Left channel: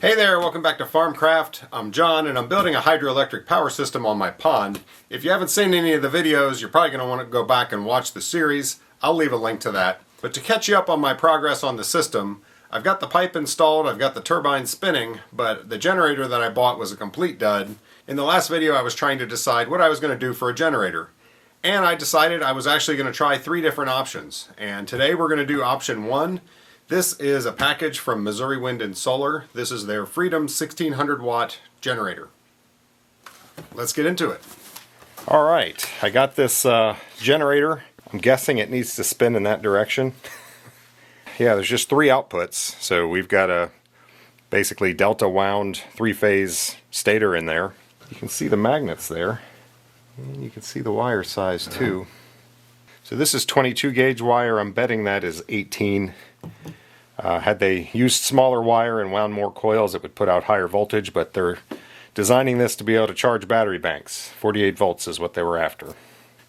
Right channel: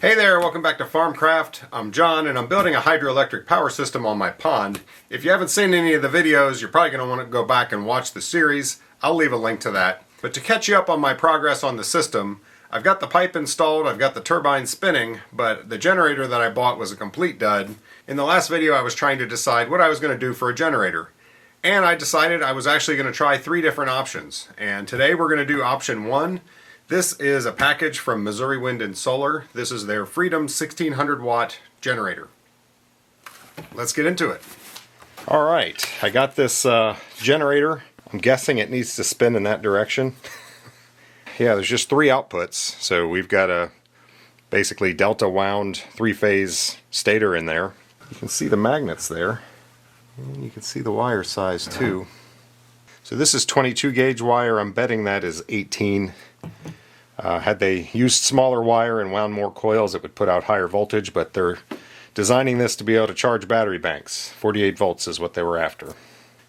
Hey there, welcome back to Farmcraft. I'm John and I'm building a hydroelectric power system on my pond. If you haven't seen any of the videos, you're probably going to want to go back and watch the series. I'll leave a link to that. But to catch you up on my progress on the system, I've got the pipe installed, I've got the turbine spinning, but the generator that I bought was a complete dud. In the last video I was trying to decide what I was going to do for a generator. And I decided I was actually going to try 3 different options. And today we're going to do option 1. This is a package from Missouri Wind and Solar. This is their Freedom 1600 watt generator. Let's get into it. All right, I got this generator. I'm guessing it needs to spin in that direction. Yeah, there's just 3 outputs. So we've got a basically delta wound 3-phase stator in there. You can see the magnets there. And you can see the wire size too. So this is 22 gauge wire. I'm betting that is 18. Had they used smaller wire and wound more coils, it would put out higher voltage, but they're designing this to be able to charge battery banks. 48 volts is what they were after.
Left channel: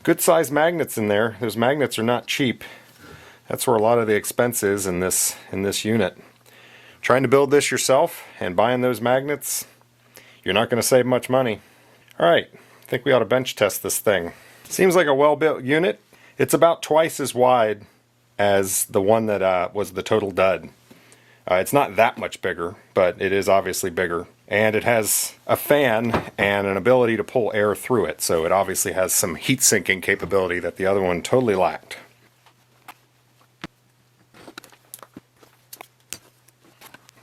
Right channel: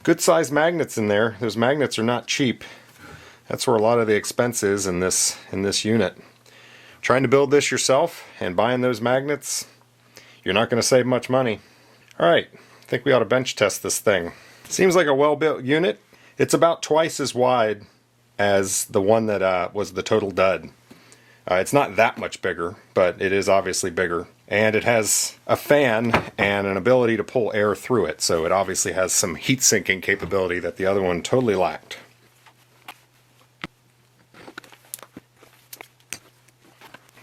Good size magnets in there. Those magnets are not cheap. That's where a lot of the expense is in this unit. Trying to build this yourself and buying those magnets, you're not going to save much money. Alright, I think we ought to bench test this thing. Seems like a well-built unit. It's about twice as wide as the one that was the total dud. It's not that much bigger, but it is obviously bigger. And it has a fan and an ability to pull air through it, so it obviously has some heat sinking capability that the other one totally lacked.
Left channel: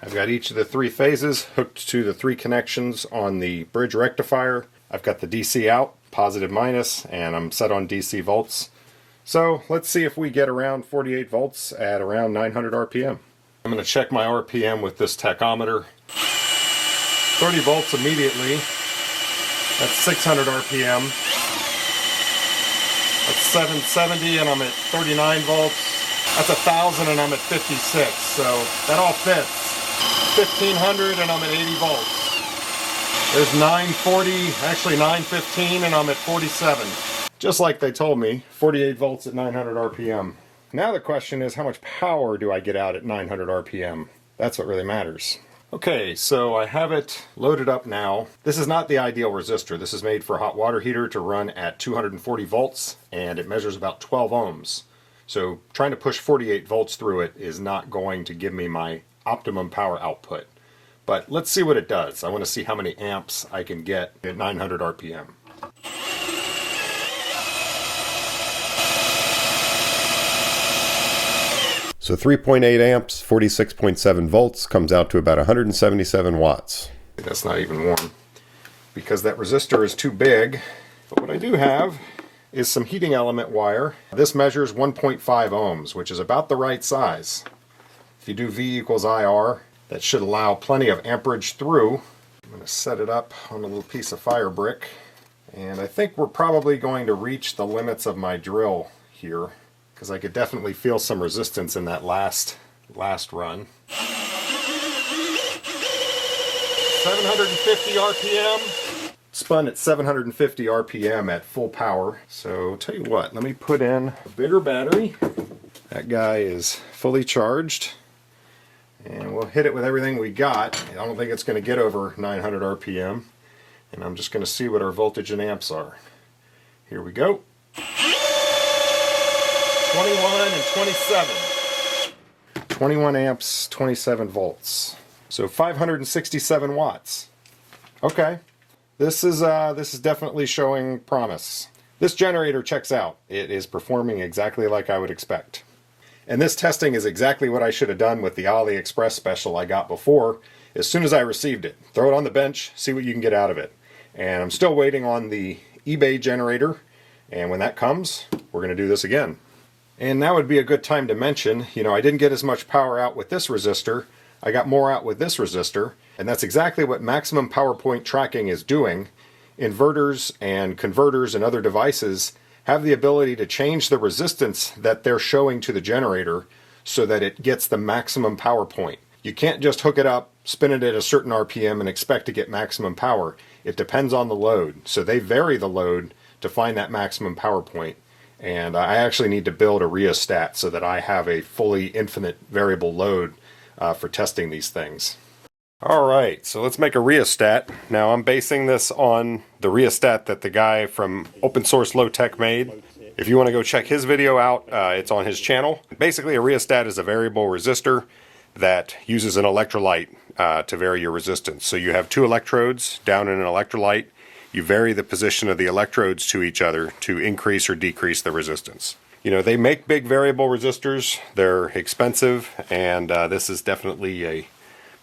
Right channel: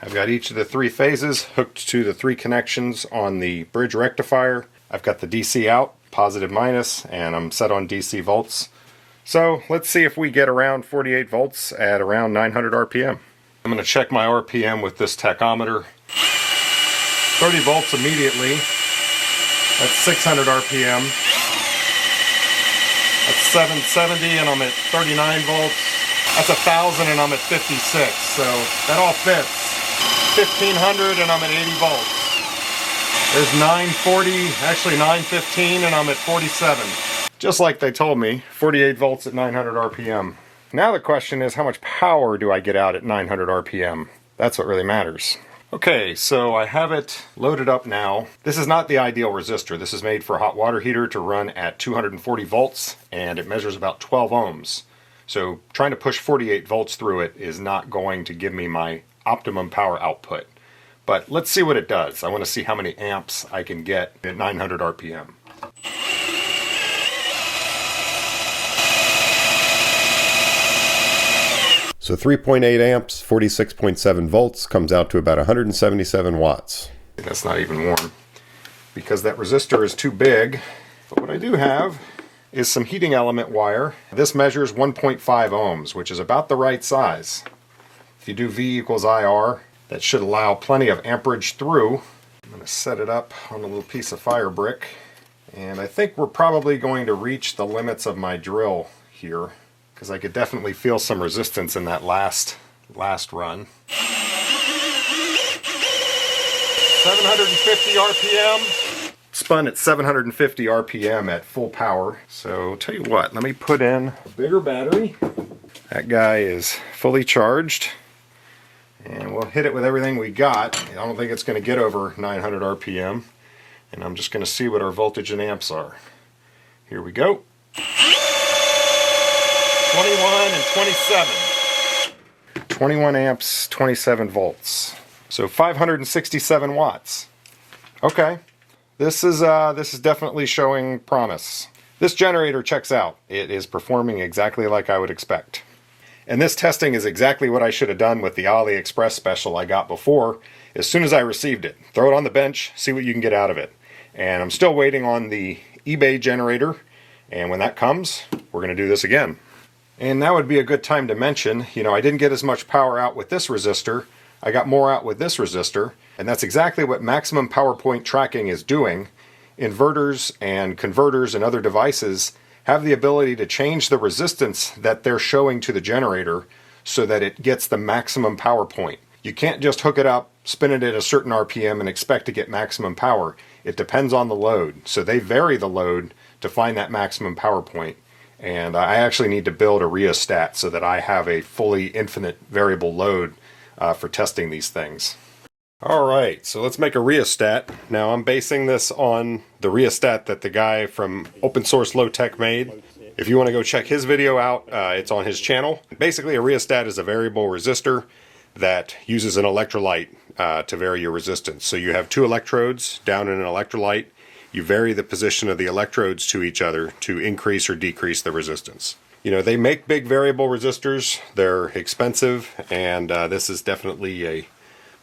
I've got each of the 3 phases hooked to the 3 connections on the bridge rectifier. I've got the DC out, positive minus, and I'm set on DC volts. So let's see if we get around 48 volts at around 900 RPM. I'm going to check my RPM with this tachometer. 30 volts immediately. That's 600 RPM. That's 770 and I'm at 39 volts. That's 1000 and I'm at 56. So that all fits. 1500 and I'm at 80 volts. There's 940, actually 915 and I'm at 47. Just like they told me, 48 volts at 900 RPM. Now the question is, how much power do I get out at 900 RPM? That's what really matters. Okay, so I have it loaded up now. This is not the ideal resistor. This is made for a hot water heater to run at 240 volts, and it measures about 12 ohms. So trying to push 48 volts through it is not going to give me my optimum power output. But let's see what it does. I want to see how many amps I can get at 900 RPM. So 3.8 amps, 46.7 volts, comes out to about 177 watts. That's not even warm, because that resistor is too big. But what I do have is some heating element wire. This measures 1.5 ohms, which is about the right size. If you do V equals IR, that should allow plenty of amperage through. I'm going to set it up on a little piece of fire brick. And I think we're probably going to reach the limits of my drill here, because I could definitely feel some resistance in that last run. 750 RPM. Spun at 750 RPM at full power. So tell you what, let me put in a bigger battery. That guy is fully charged. And we'll hit it with everything we got. I don't think it's going to get over 900 RPM. And I'm just going to see what our voltage and amps are. Here we go. 21 and 27. 21 amps, 27 volts. So 567 watts. Okay. This is definitely showing promise. This generator checks out. It is performing exactly like I would expect. And this testing is exactly what I should have done with the AliExpress special I got before. As soon as I received it, throw it on the bench, see what you can get out of it. And I'm still waiting on the eBay generator. And when that comes, we're going to do this again. And now would be a good time to mention, I didn't get as much power out with this resistor. I got more out with this resistor. And that's exactly what maximum power point tracking is doing. Inverters and converters and other devices have the ability to change the resistance that they're showing to the generator so that it gets the maximum power point. You can't just hook it up, spin it at a certain RPM and expect to get maximum power. It depends on the load. So they vary the load to find that maximum power point. And I actually need to build a rheostat so that I have a fully infinite variable load for testing these things. Alright, so let's make a rheostat. Now I'm basing this on the rheostat that the guy from Open Source Low Tech made. If you want to go check his video out, it's on his channel. Basically a rheostat is a variable resistor that uses an electrolyte to vary your resistance. So you have two electrodes down in an electrolyte. You vary the position of the electrodes to each other to increase or decrease the resistance. You know, they make big variable resistors. They're expensive, and this is definitely a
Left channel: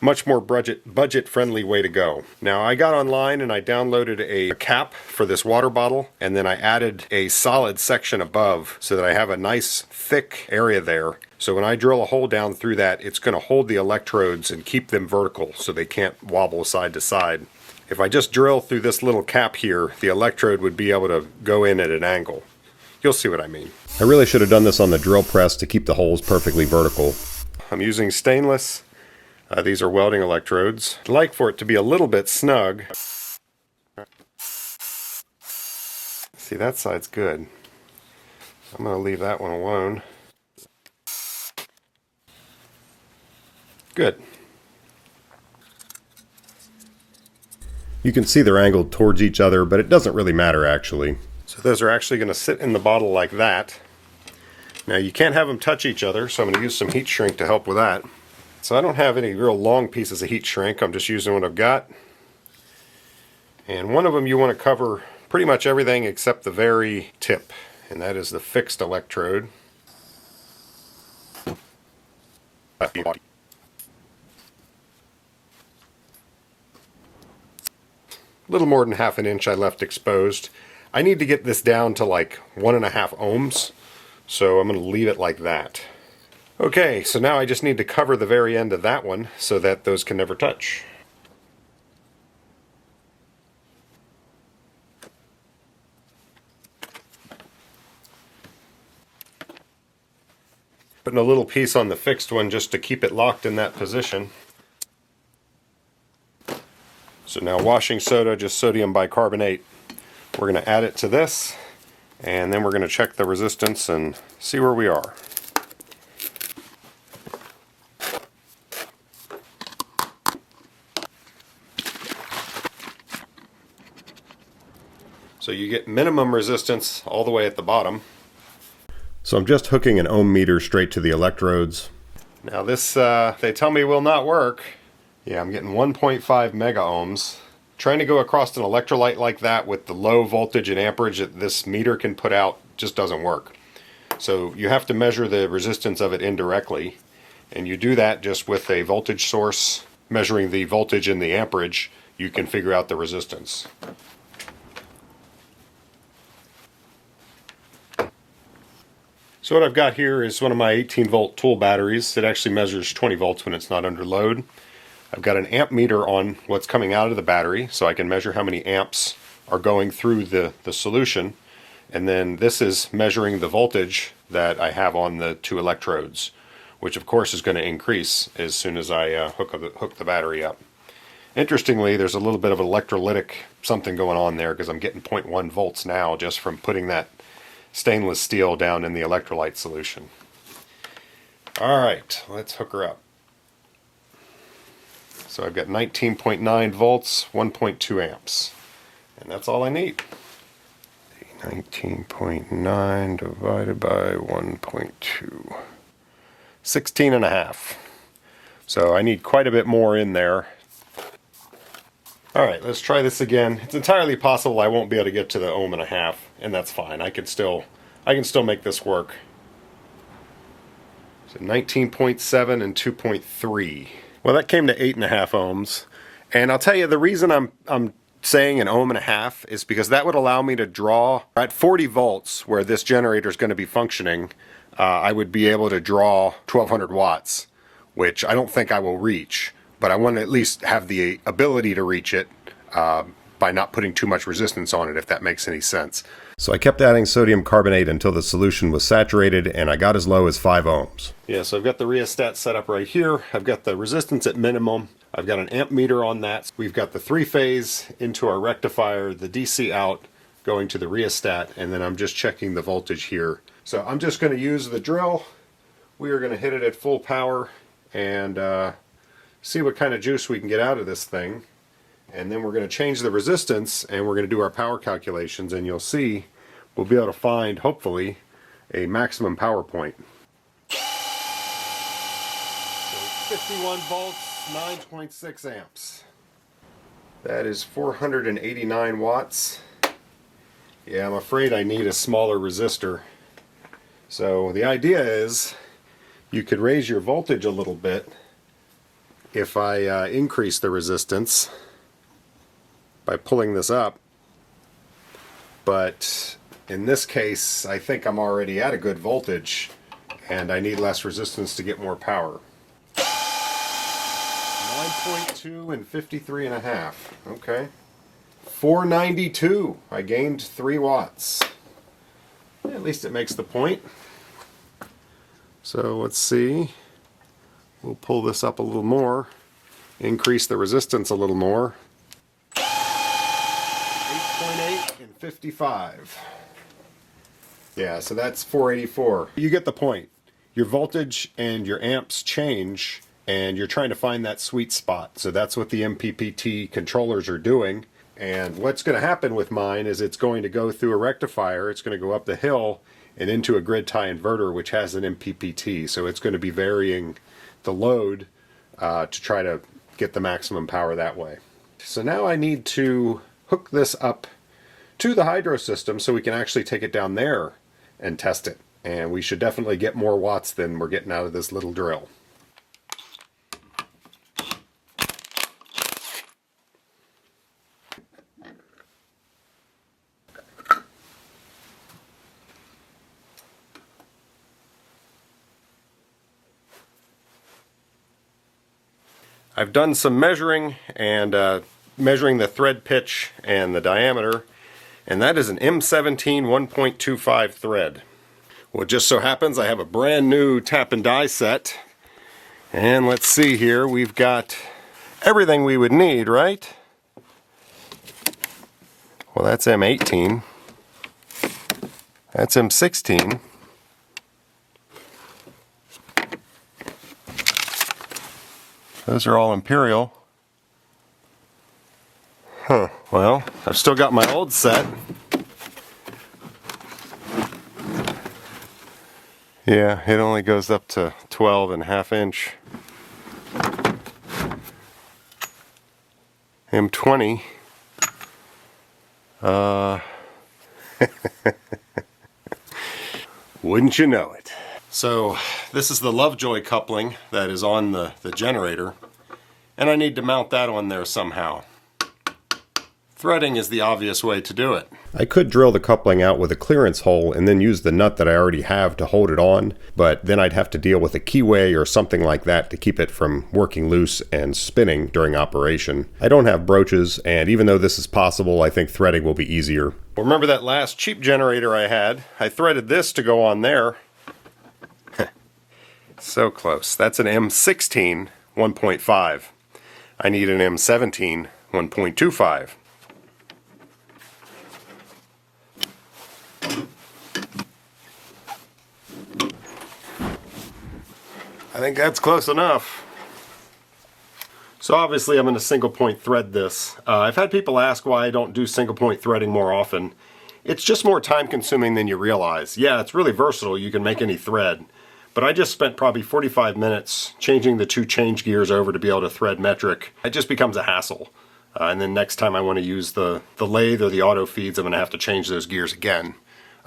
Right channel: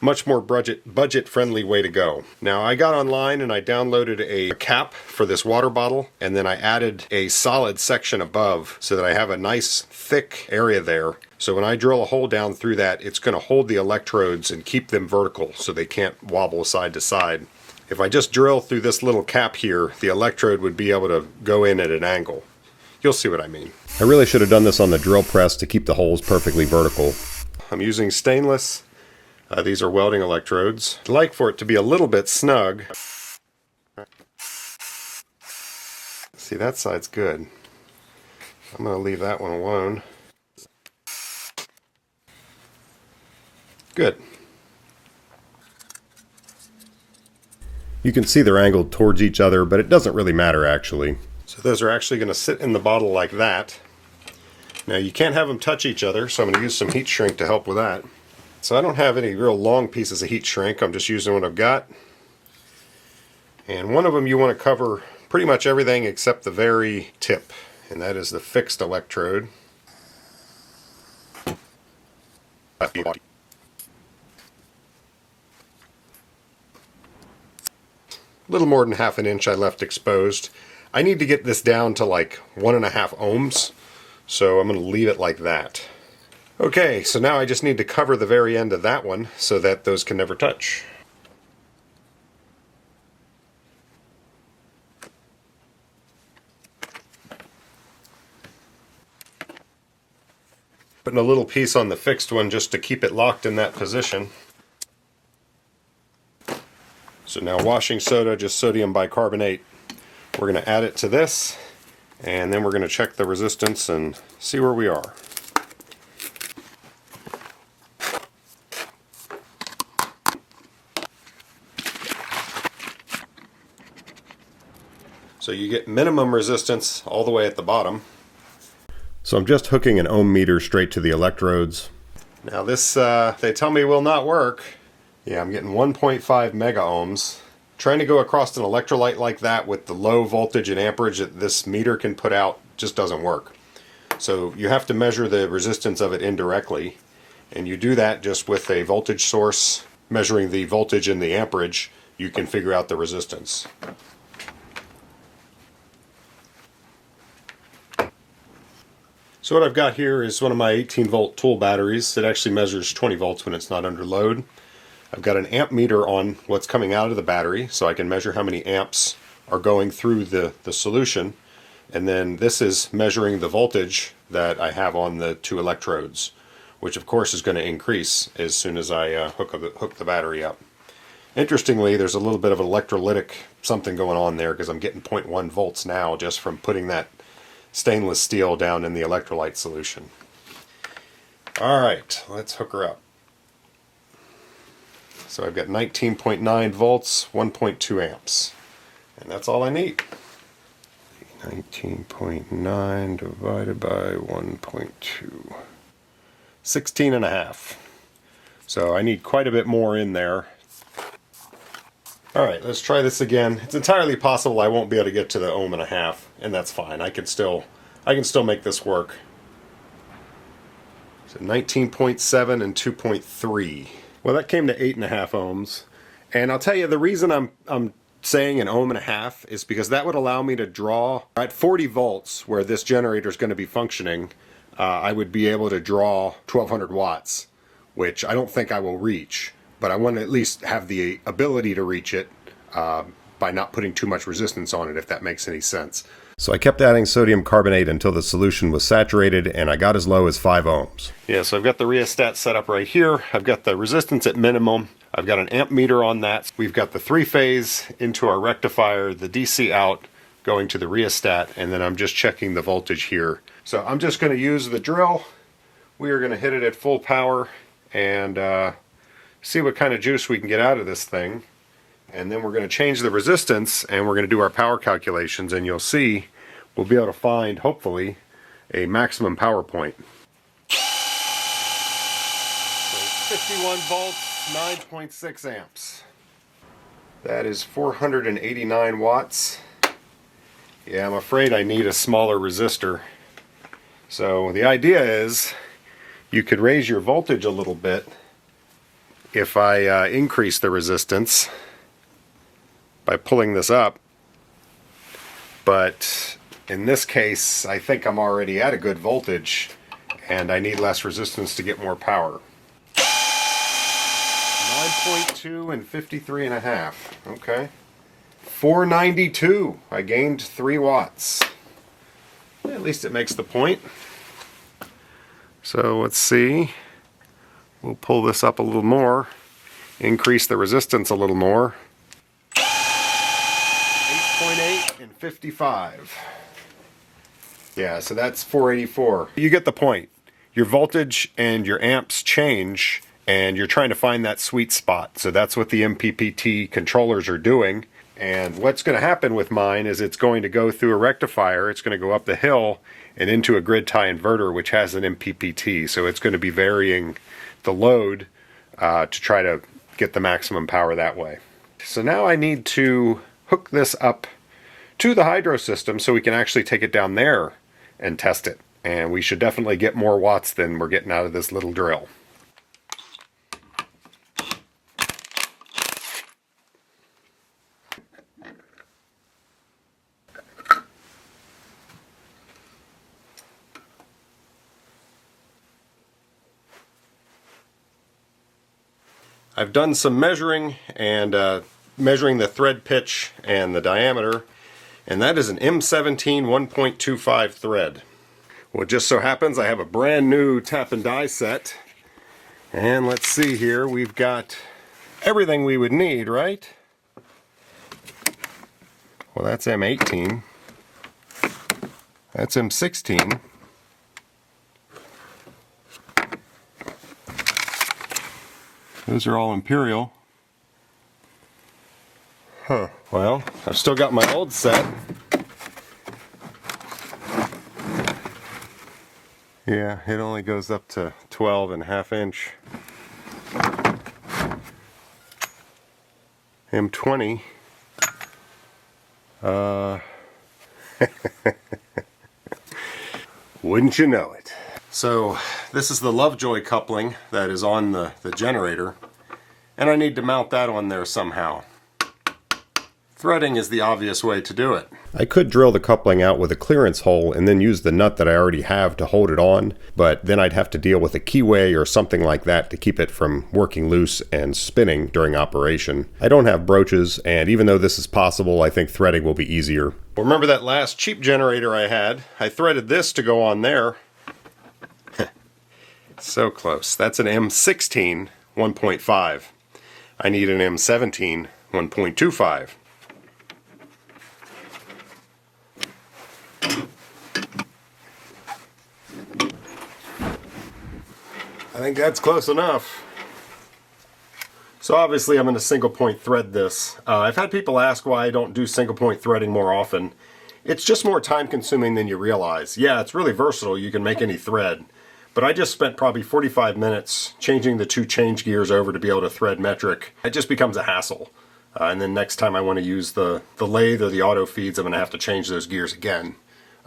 much more budget-friendly way to go. Now, I got online and I downloaded a cap for this water bottle, and then I added a solid section above so that I have a nice thick area there. So when I drill a hole down through that, it's going to hold the electrodes and keep them vertical so they can't wobble side to side. If I just drill through this little cap here, the electrode would be able to go in at an angle. You'll see what I mean. I really should have done this on the drill press to keep the holes perfectly vertical. I'm using stainless. These are welding electrodes. I'd like for it to be a little bit snug. See, that side's good. I'm going to leave that one alone. Good. You can see they're angled towards each other, but it doesn't really matter actually. So those are actually going to sit in the bottle like that. Now you can't have them touch each other, so I'm going to use some heat shrink to help with that. So I don't have any real long pieces of heat shrink, I'm just using what I've got. And one of them you want to cover pretty much everything except the very tip, and that is the fixed electrode. A little more than half an inch I left exposed. I need to get this down to like 1.5 ohms, so I'm going to leave it like that. Okay, so now I just need to cover the very end of that one so that those can never touch. Putting a little piece on the fixed one just to keep it locked in that position. So now washing soda, just sodium bicarbonate. We're going to add it to this, and then we're going to check the resistance and see where we are. So you get minimum resistance all the way at the bottom. So I'm just hooking an ohm meter straight to the electrodes. Now this, they tell me will not work. Yeah, I'm getting 1.5 mega ohms. Trying to go across an electrolyte like that with the low voltage and amperage that this meter can put out just doesn't work. So you have to measure the resistance of it indirectly. And you do that just with a voltage source. Measuring the voltage and the amperage, you can figure out the resistance. So what I've got here is one of my 18 volt tool batteries. It actually measures 20 volts when it's not under load. I've got an amp meter on what's coming out of the battery, so I can measure how many amps are going through the solution. And then this is measuring the voltage that I have on the two electrodes, which of course is going to increase as soon as I hook the battery up. Interestingly, there's a little bit of electrolytic something going on there because I'm getting 0.1 volts now just from putting that stainless steel down in the electrolyte solution. Alright, let's hook her up. So I've got 19.9 volts, 1.2 amps. And that's all I need. 19.9 divided by 1.2. 16.5. So I need quite a bit more in there. Alright, let's try this again. It's entirely possible I won't be able to get to the 1.5 ohms, and that's fine. I can still make this work. So 19.7 and 2.3. Well, that came to 8.5 ohms. And I'll tell you, the reason I'm saying 1.5 ohms is because that would allow me to draw at 40 volts where this generator is going to be functioning. I would be able to draw 1200 watts, which I don't think I will reach. But I want to at least have the ability to reach it by not putting too much resistance on it, if that makes any sense. So I kept adding sodium carbonate until the solution was saturated, and I got as low as 5 ohms. Yeah, so I've got the rheostat set up right here. I've got the resistance at minimum. I've got an amp meter on that. We've got the 3-phase into our rectifier, the DC out going to the rheostat, and then I'm just checking the voltage here. So I'm just going to use the drill. We are going to hit it at full power and see what kind of juice we can get out of this thing. And then we're going to change the resistance and we're going to do our power calculations, and you'll see we'll be able to find, hopefully, a maximum power point. So 51 volts, 9.6 amps. That is 489 watts. Yeah, I'm afraid I need a smaller resistor. So the idea is you could raise your voltage a little bit if I increase the resistance by pulling this up. But in this case, I think I'm already at a good voltage and I need less resistance to get more power. 9.2 and 53.5. Okay. 492. I gained 3 watts. At least it makes the point. So let's see. We'll pull this up a little more. Increase the resistance a little more. 8.8 and 55. Yeah, so that's 484. You get the point. Your voltage and your amps change, and you're trying to find that sweet spot. So that's what the MPPT controllers are doing. And what's going to happen with mine is it's going to go through a rectifier, it's going to go up the hill and into a grid tie inverter, which has an MPPT. So it's going to be varying the load to try to get the maximum power that way. So now I need to hook this up to the hydro system so we can actually take it down there and test it. And we should definitely get more watts than we're getting out of this little drill. I've done some measuring and measuring the thread pitch and the diameter, and that is an M17 1.25 thread. Well, it just so happens I have a brand new tap and die set, and let's see here, we've got everything we would need, right? Well, that's M18, that's M16. Those are all Imperial. Huh. Well, I've still got my old set. Yeah, it only goes up to 12.5 inch. M20. Wouldn't you know it? So this is the Lovejoy coupling that is on the generator, and I need to mount that on there somehow. Threading is the obvious way to do it. I could drill the coupling out with a clearance hole and then use the nut that I already have to hold it on, but then I'd have to deal with a keyway or something like that to keep it from working loose and spinning during operation. I don't have broaches, and even though this is possible, I think threading will be easier. Well, remember that last cheap generator I had? I threaded this to go on there. So close. That's an M16 1.5. I need an M17 1.25. I think that's close enough. So obviously I'm going to single point thread this. I've had people ask why I don't do single point threading more often. It's just more time consuming than you realize. Yeah, it's really versatile. You can make any thread. But I just spent probably 45 minutes changing the 2 change gears over to be able to thread metric. It just becomes a hassle. And then next time I want to use the lathe or the auto feeds, I'm going to have to change those gears again.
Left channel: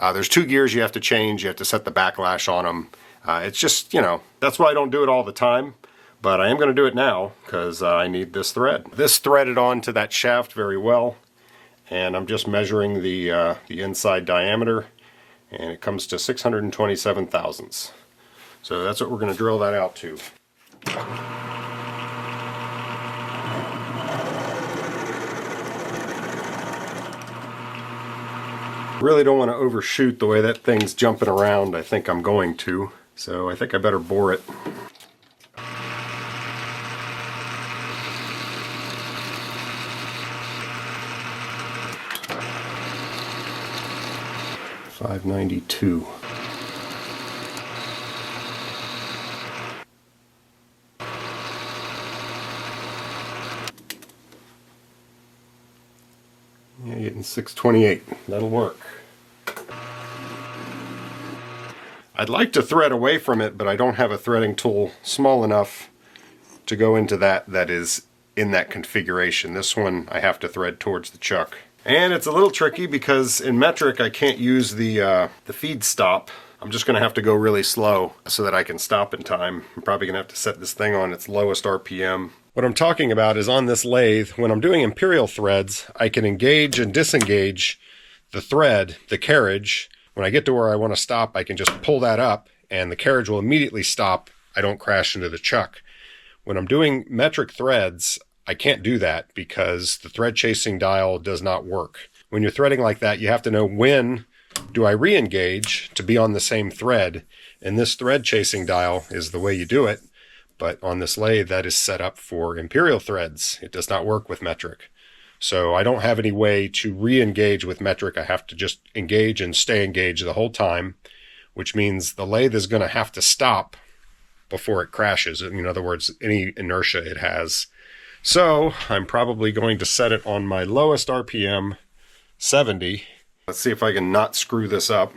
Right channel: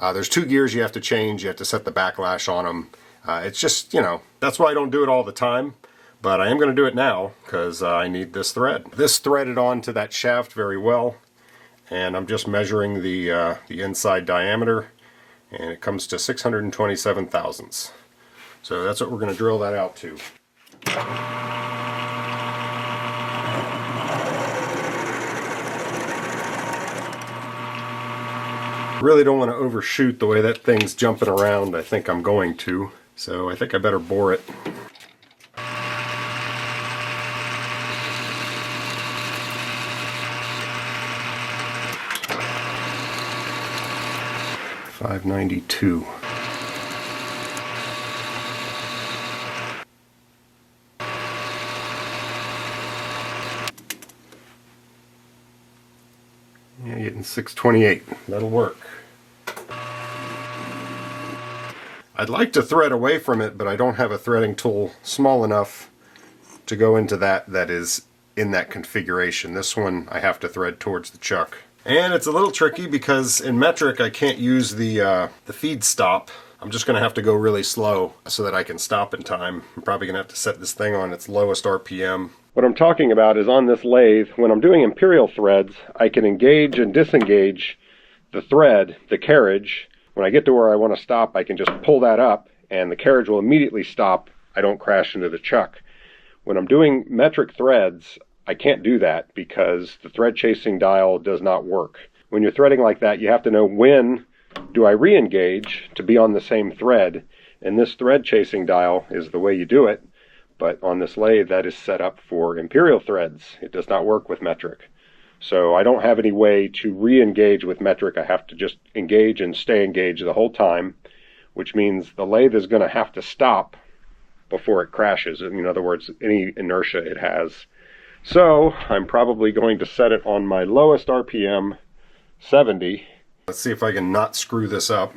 There's 2 gears you have to change. You have to set the backlash on them. It's just, you know, that's why I don't do it all the time. But I am going to do it now because I need this thread. This threaded onto that shaft very well. And I'm just measuring the inside diameter. And it comes to 627 thousandths. So that's what we're going to drill that out to. Really don't want to overshoot the way that thing's jumping around. I think I'm going to. So I think I better bore it. $592. 628 and 628. That'll work. I'd like to thread away from it, but I don't have a threading tool small enough to go into that is in that configuration. This one I have to thread towards the chuck. And it's a little tricky because in metric I can't use the feed stop. I'm just going to have to go really slow so that I can stop in time. I'm probably going to have to set this thing on its lowest RPM. What I'm talking about is on this lathe, when I'm doing imperial threads, I can engage and disengage the thread, the carriage. When I get to where I want to stop, I can just pull that up and the carriage will immediately stop. I don't crash into the chuck. When I'm doing metric threads, I can't do that because the thread chasing dial does not work. When you're threading like that, you have to know when do I re-engage to be on the same thread, and this thread chasing dial is the way you do it, but on this lathe that is set up for imperial threads. It does not work with metric. So I don't have any way to re-engage with metric. I have to just engage and stay engaged the whole time, which means the lathe is going to have to stop before it crashes. In other words, any inertia it has. So I'm probably going to set it on my lowest RPM, 70. Let's see if I can not screw this up.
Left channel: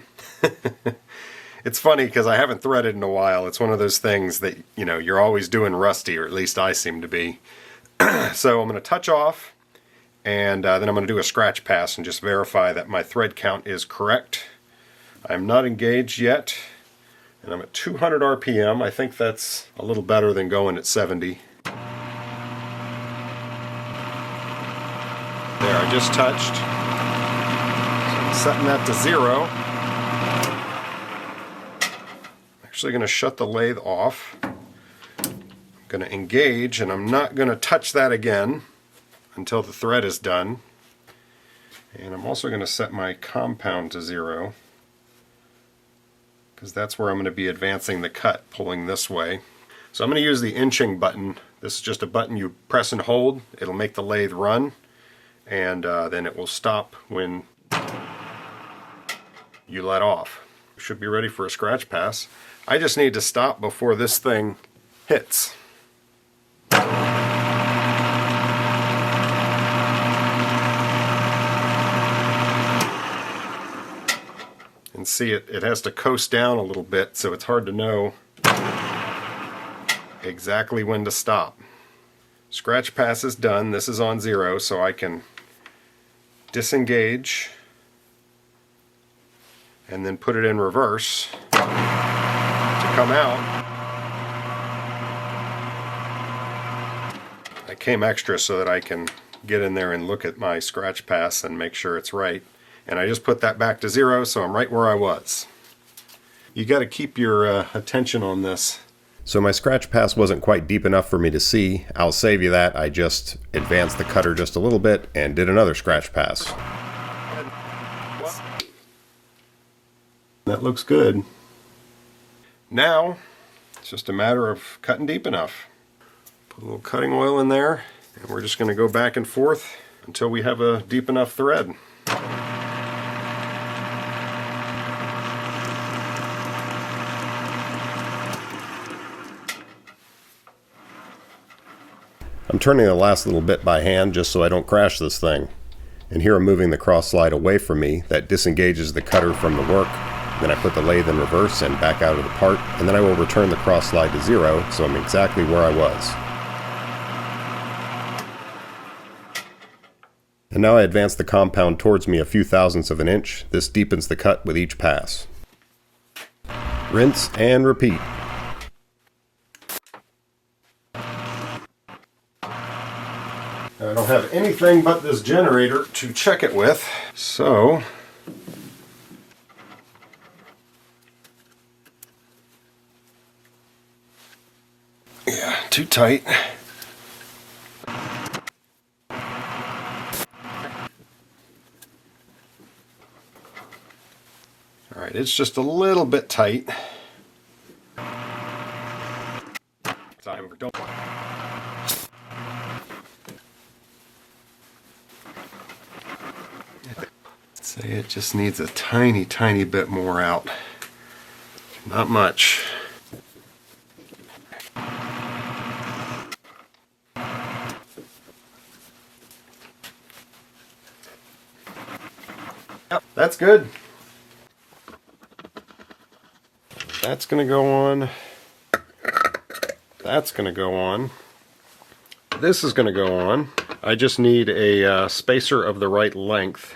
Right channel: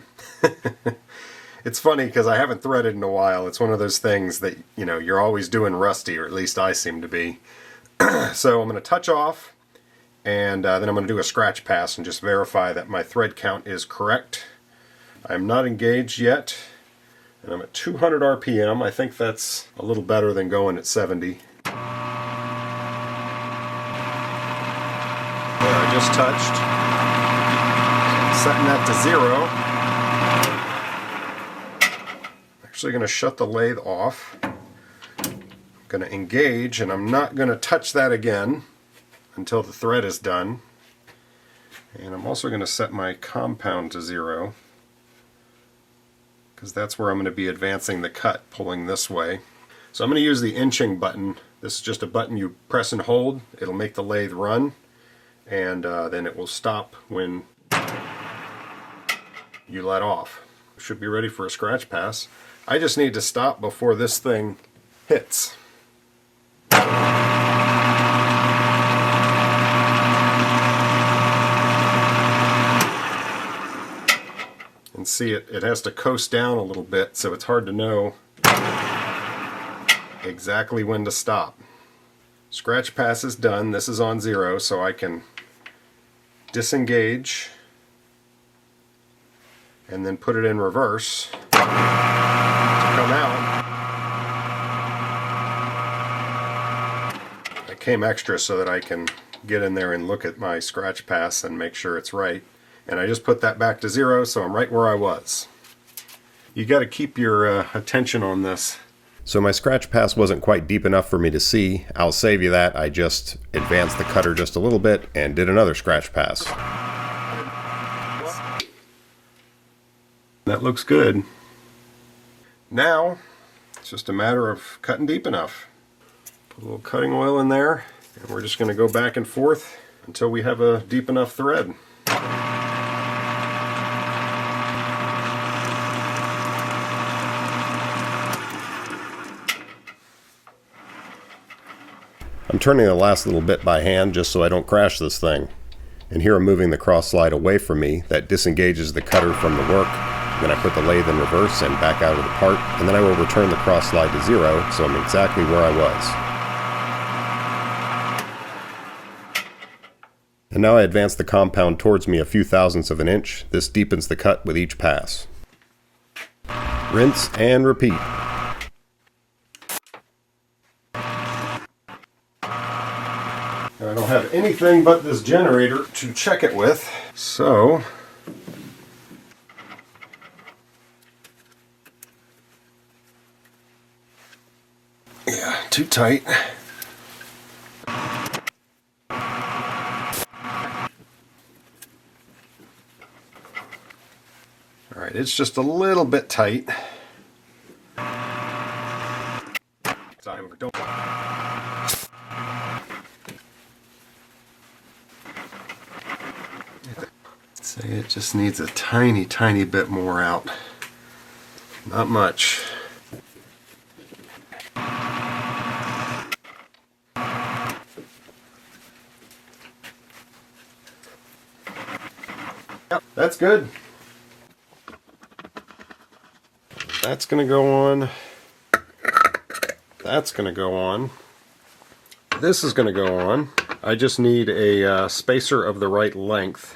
It's funny because I haven't threaded in a while. It's one of those things that, you're always doing rusty, or at least I seem to be. So I'm going to touch off, and then I'm going to do a scratch pass and just verify that my thread count is correct. I'm not engaged yet, and I'm at 200 RPM. I think that's a little better than going at 70. There, I just touched. Setting that to 0. Actually going to shut the lathe off. I'm going to engage, and I'm not going to touch that again until the thread is done. And I'm also going to set my compound to 0 because that's where I'm going to be advancing the cut, pulling this way. So I'm going to use the inching button. This is just a button you press and hold. It'll make the lathe run, and then it will stop when you let off. Should be ready for a scratch pass. I just need to stop before this thing hits. And see, it has to coast down a little bit, so it's hard to know exactly when to stop. Scratch pass is done. This is on 0, so I can disengage and then put it in reverse to come out. I came extra so that I can get in there and look at my scratch pass and make sure it's right. And I just put that back to 0, so I'm right where I was. You got to keep your attention on this. So my scratch pass wasn't quite deep enough for me to see. I'll save you that. I just advanced the cutter just a little bit and did another scratch pass. That looks good. Now, it's just a matter of cutting deep enough. Put a little cutting oil in there, and we're just going to go back and forth until we have a deep enough thread. I'm turning the last little bit by hand just so I don't crash this thing. And here I'm moving the cross slide away from me. That disengages the cutter from the work. Then I put the lathe in reverse and back out of the part, and then I will return the cross slide to 0, so I'm exactly where I was. And now I advance the compound towards me a few thousandths of an inch. This deepens the cut with each pass. Rinse and repeat. I don't have anything but this generator to check it with, so yeah, too tight. Alright, it's just a little bit tight. Don't. Say it just needs a tiny, tiny bit more out. Not much. That's good. That's going to go on. That's going to go on. This is going to go on. I just need a spacer of the right length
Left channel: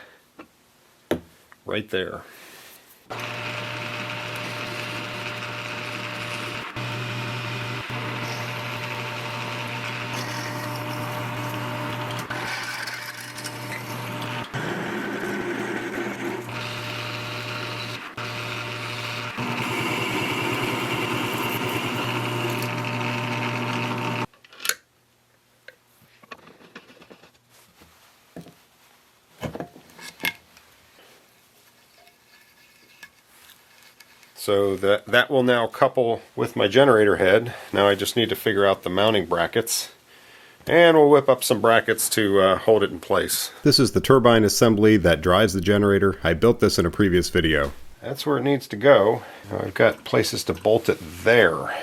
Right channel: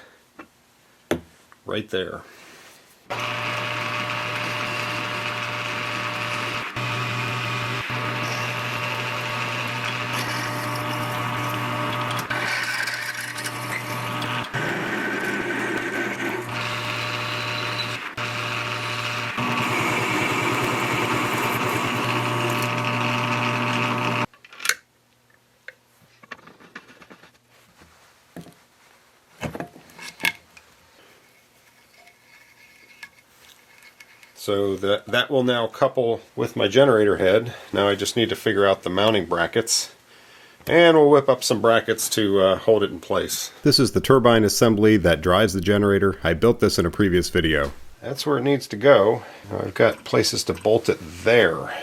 right there. So that will now couple with my generator head. Now I just need to figure out the mounting brackets. And we'll whip up some brackets to hold it in place. This is the turbine assembly that drives the generator. I built this in a previous video. That's where it needs to go. Now I've got places to bolt it there.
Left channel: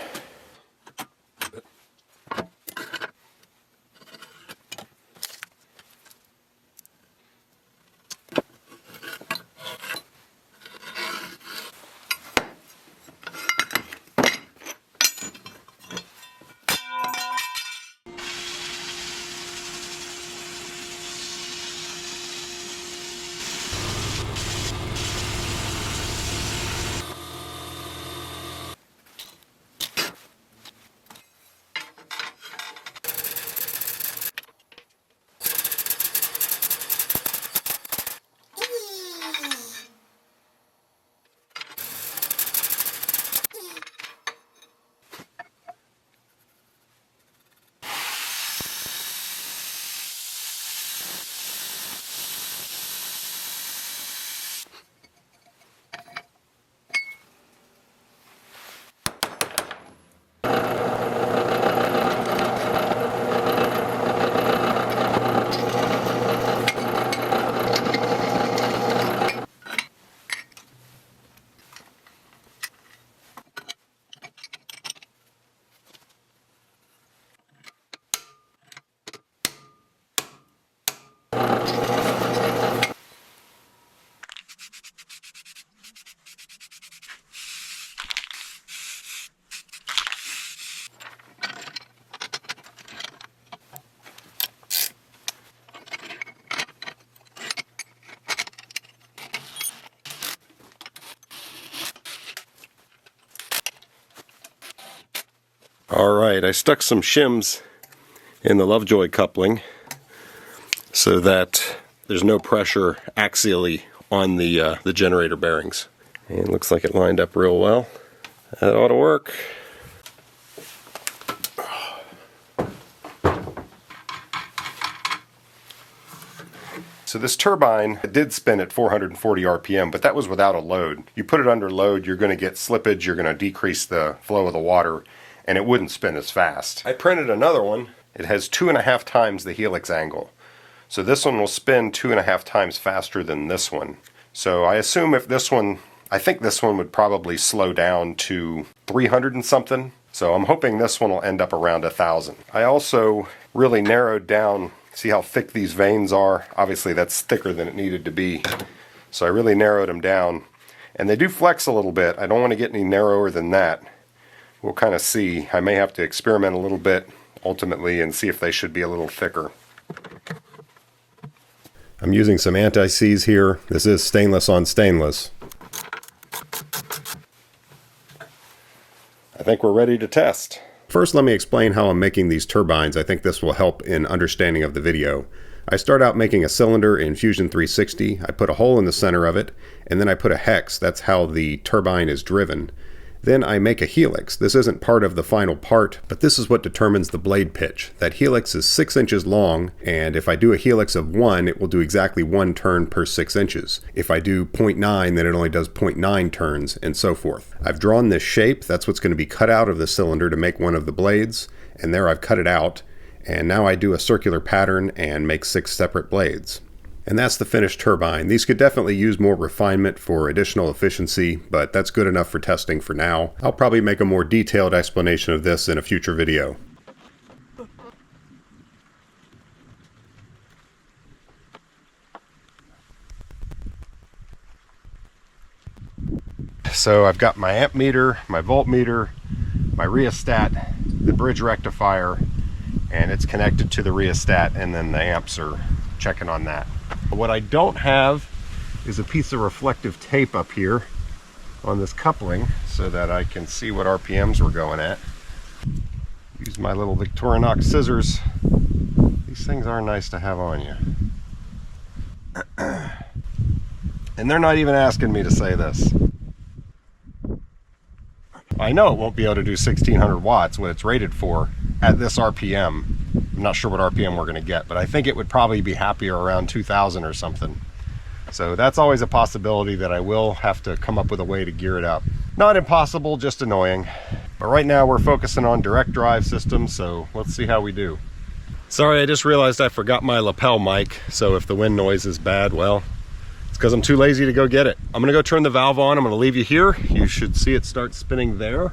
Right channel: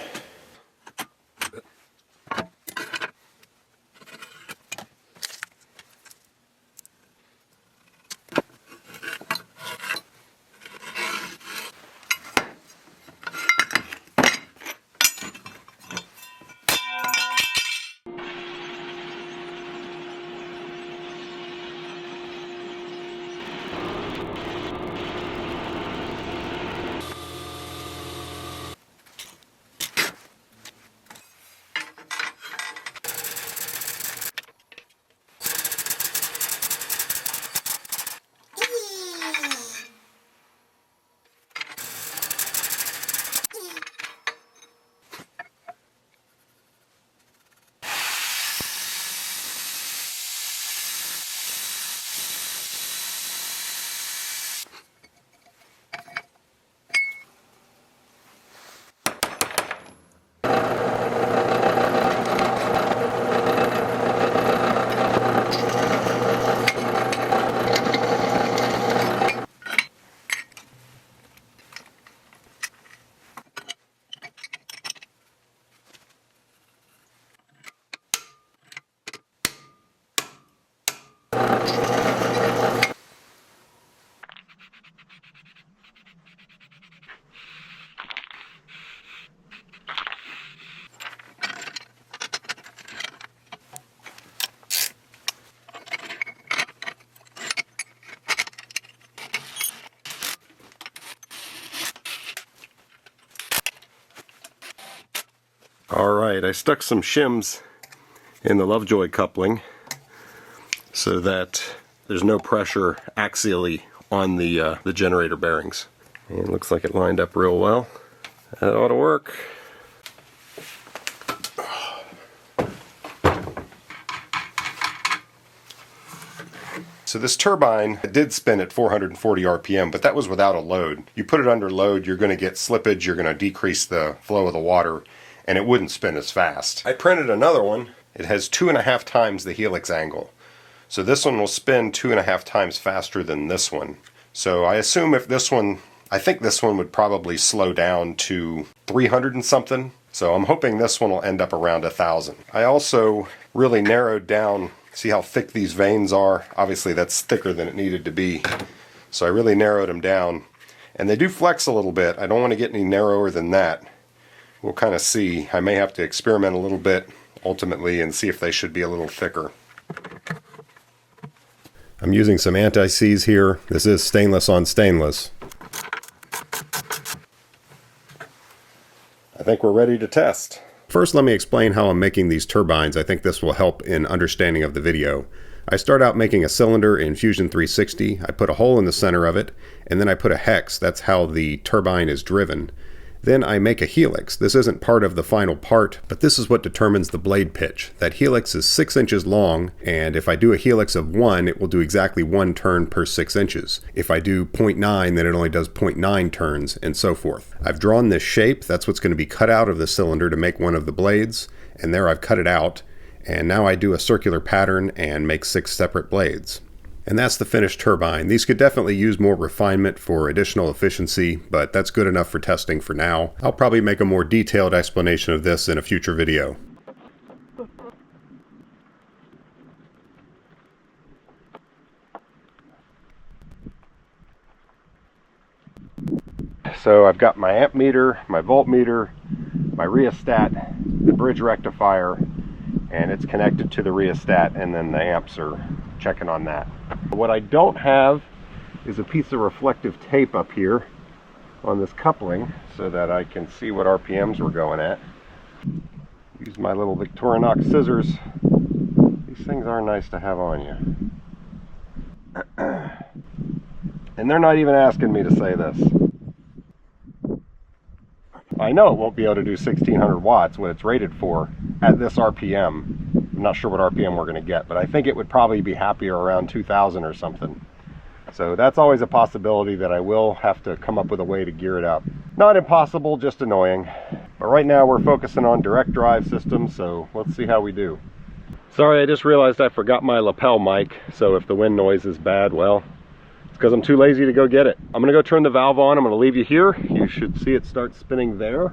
Alright, I stuck some shims in the Lovejoy coupling so that there's no pressure axially on the generator bearings. And it looks like it lined up real well. That ought to work. So this turbine did spin at 440 RPM, but that was without a load. You put it under load, you're going to get slippage, you're going to decrease the flow of the water, and it wouldn't spin as fast. I printed another one. It has 2.5 times the helix angle. So this one will spin 2.5 times faster than this one. So I assume if this one, I think this one would probably slow down to 300 and something. So I'm hoping this one will end up around 1,000. I also really narrowed down, see how thick these vanes are? Obviously that's thicker than it needed to be. So I really narrowed them down. And they do flex a little bit. I don't want to get any narrower than that. We'll kind of see. I may have to experiment a little bit ultimately and see if they should be a little thicker. I'm using some anti-seize here. This is stainless on stainless. I think we're ready to test. First, let me explain how I'm making these turbines. I think this will help in understanding of the video. I start out making a cylinder in Fusion 360. I put a hole in the center of it, and then I put a hex. That's how the turbine is driven. Then I make a helix. This isn't part of the final part, but this is what determines the blade pitch. That helix is 6 inches long, and if I do a helix of 1, it will do exactly 1 turn per 6 inches. If I do 0.9, then it only does 0.9 turns, and so forth. I've drawn this shape. That's what's going to be cut out of the cylinder to make one of the blades, and there I've cut it out. And now I do a circular pattern and make 6 separate blades. And that's the finished turbine. These could definitely use more refinement for additional efficiency, but that's good enough for testing for now. I'll probably make a more detailed explanation of this in a future video. So I've got my amp meter, my voltmeter, my rheostat, the bridge rectifier, and it's connected to the rheostat, and then the amps are checking on that. What I don't have is a piece of reflective tape up here on this coupling so that I can see what RPMs we're going at. Use my little Victorinox scissors. These things are nice to have on you. And they're not even asking me to say this. I know it won't be able to do 1600 watts, what it's rated for, at this RPM. I'm not sure what RPM we're going to get, but I think it would probably be happier around 2000 or something. So that's always a possibility that I will have to come up with a way to gear it up. Not impossible, just annoying. But right now we're focusing on direct drive systems, so let's see how we do. Sorry, I just realized I forgot my lapel mic, so if the wind noise is bad, well, it's because I'm too lazy to go get it. I'm gonna go turn the valve on. I'm gonna leave you here. You should see it start spinning there.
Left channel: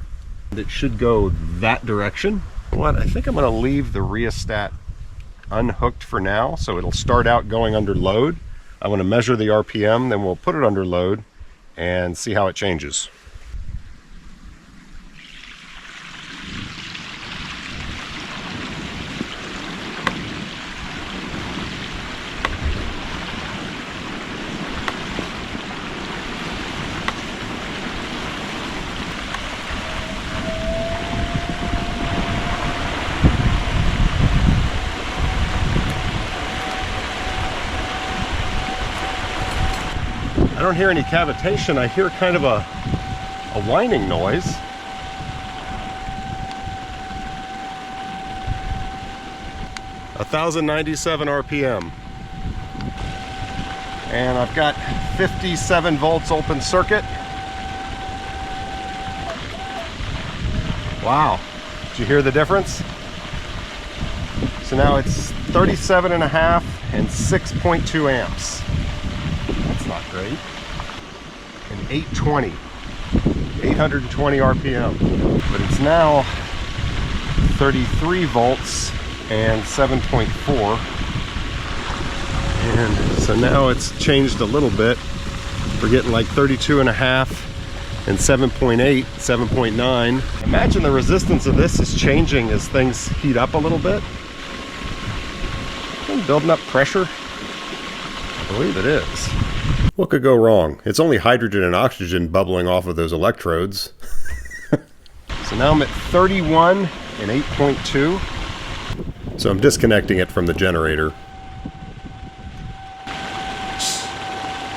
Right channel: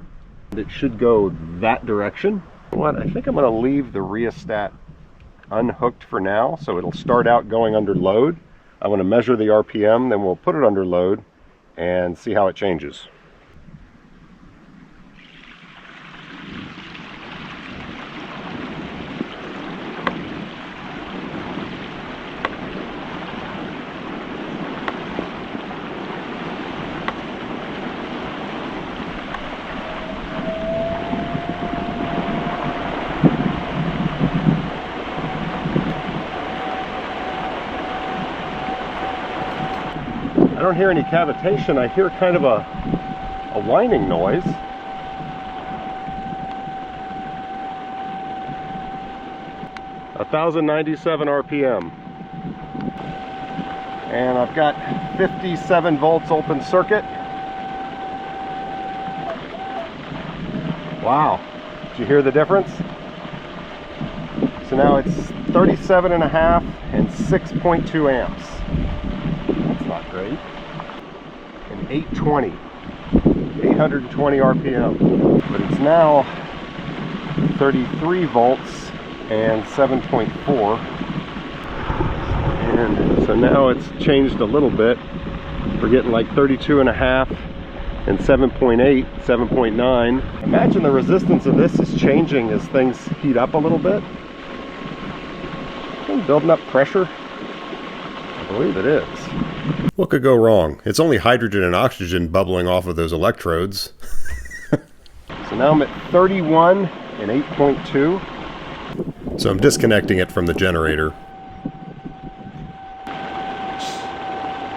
It should go that direction. What? I think I'm gonna leave the rheostat unhooked for now, so it'll start out going under load. I want to measure the RPM, then we'll put it under load and see how it changes. I don't hear any cavitation. I hear kind of a whining noise. (1097 RPM). And I've got 57 volts open circuit. Wow, did you hear the difference? So now it's 37.5 and 6.2 amps. That's not great. And 820 RPM. But it's now 33 volts and 7.4. And so now it's changed a little bit. We're getting like 32.5 and 7.8, 7.9. Imagine the resistance of this is changing as things heat up a little bit. Building up pressure. I believe it is. What could go wrong? It's only hydrogen and oxygen bubbling off of those electrodes. So now I'm at 31 and 8.2. So I'm disconnecting it from the generator.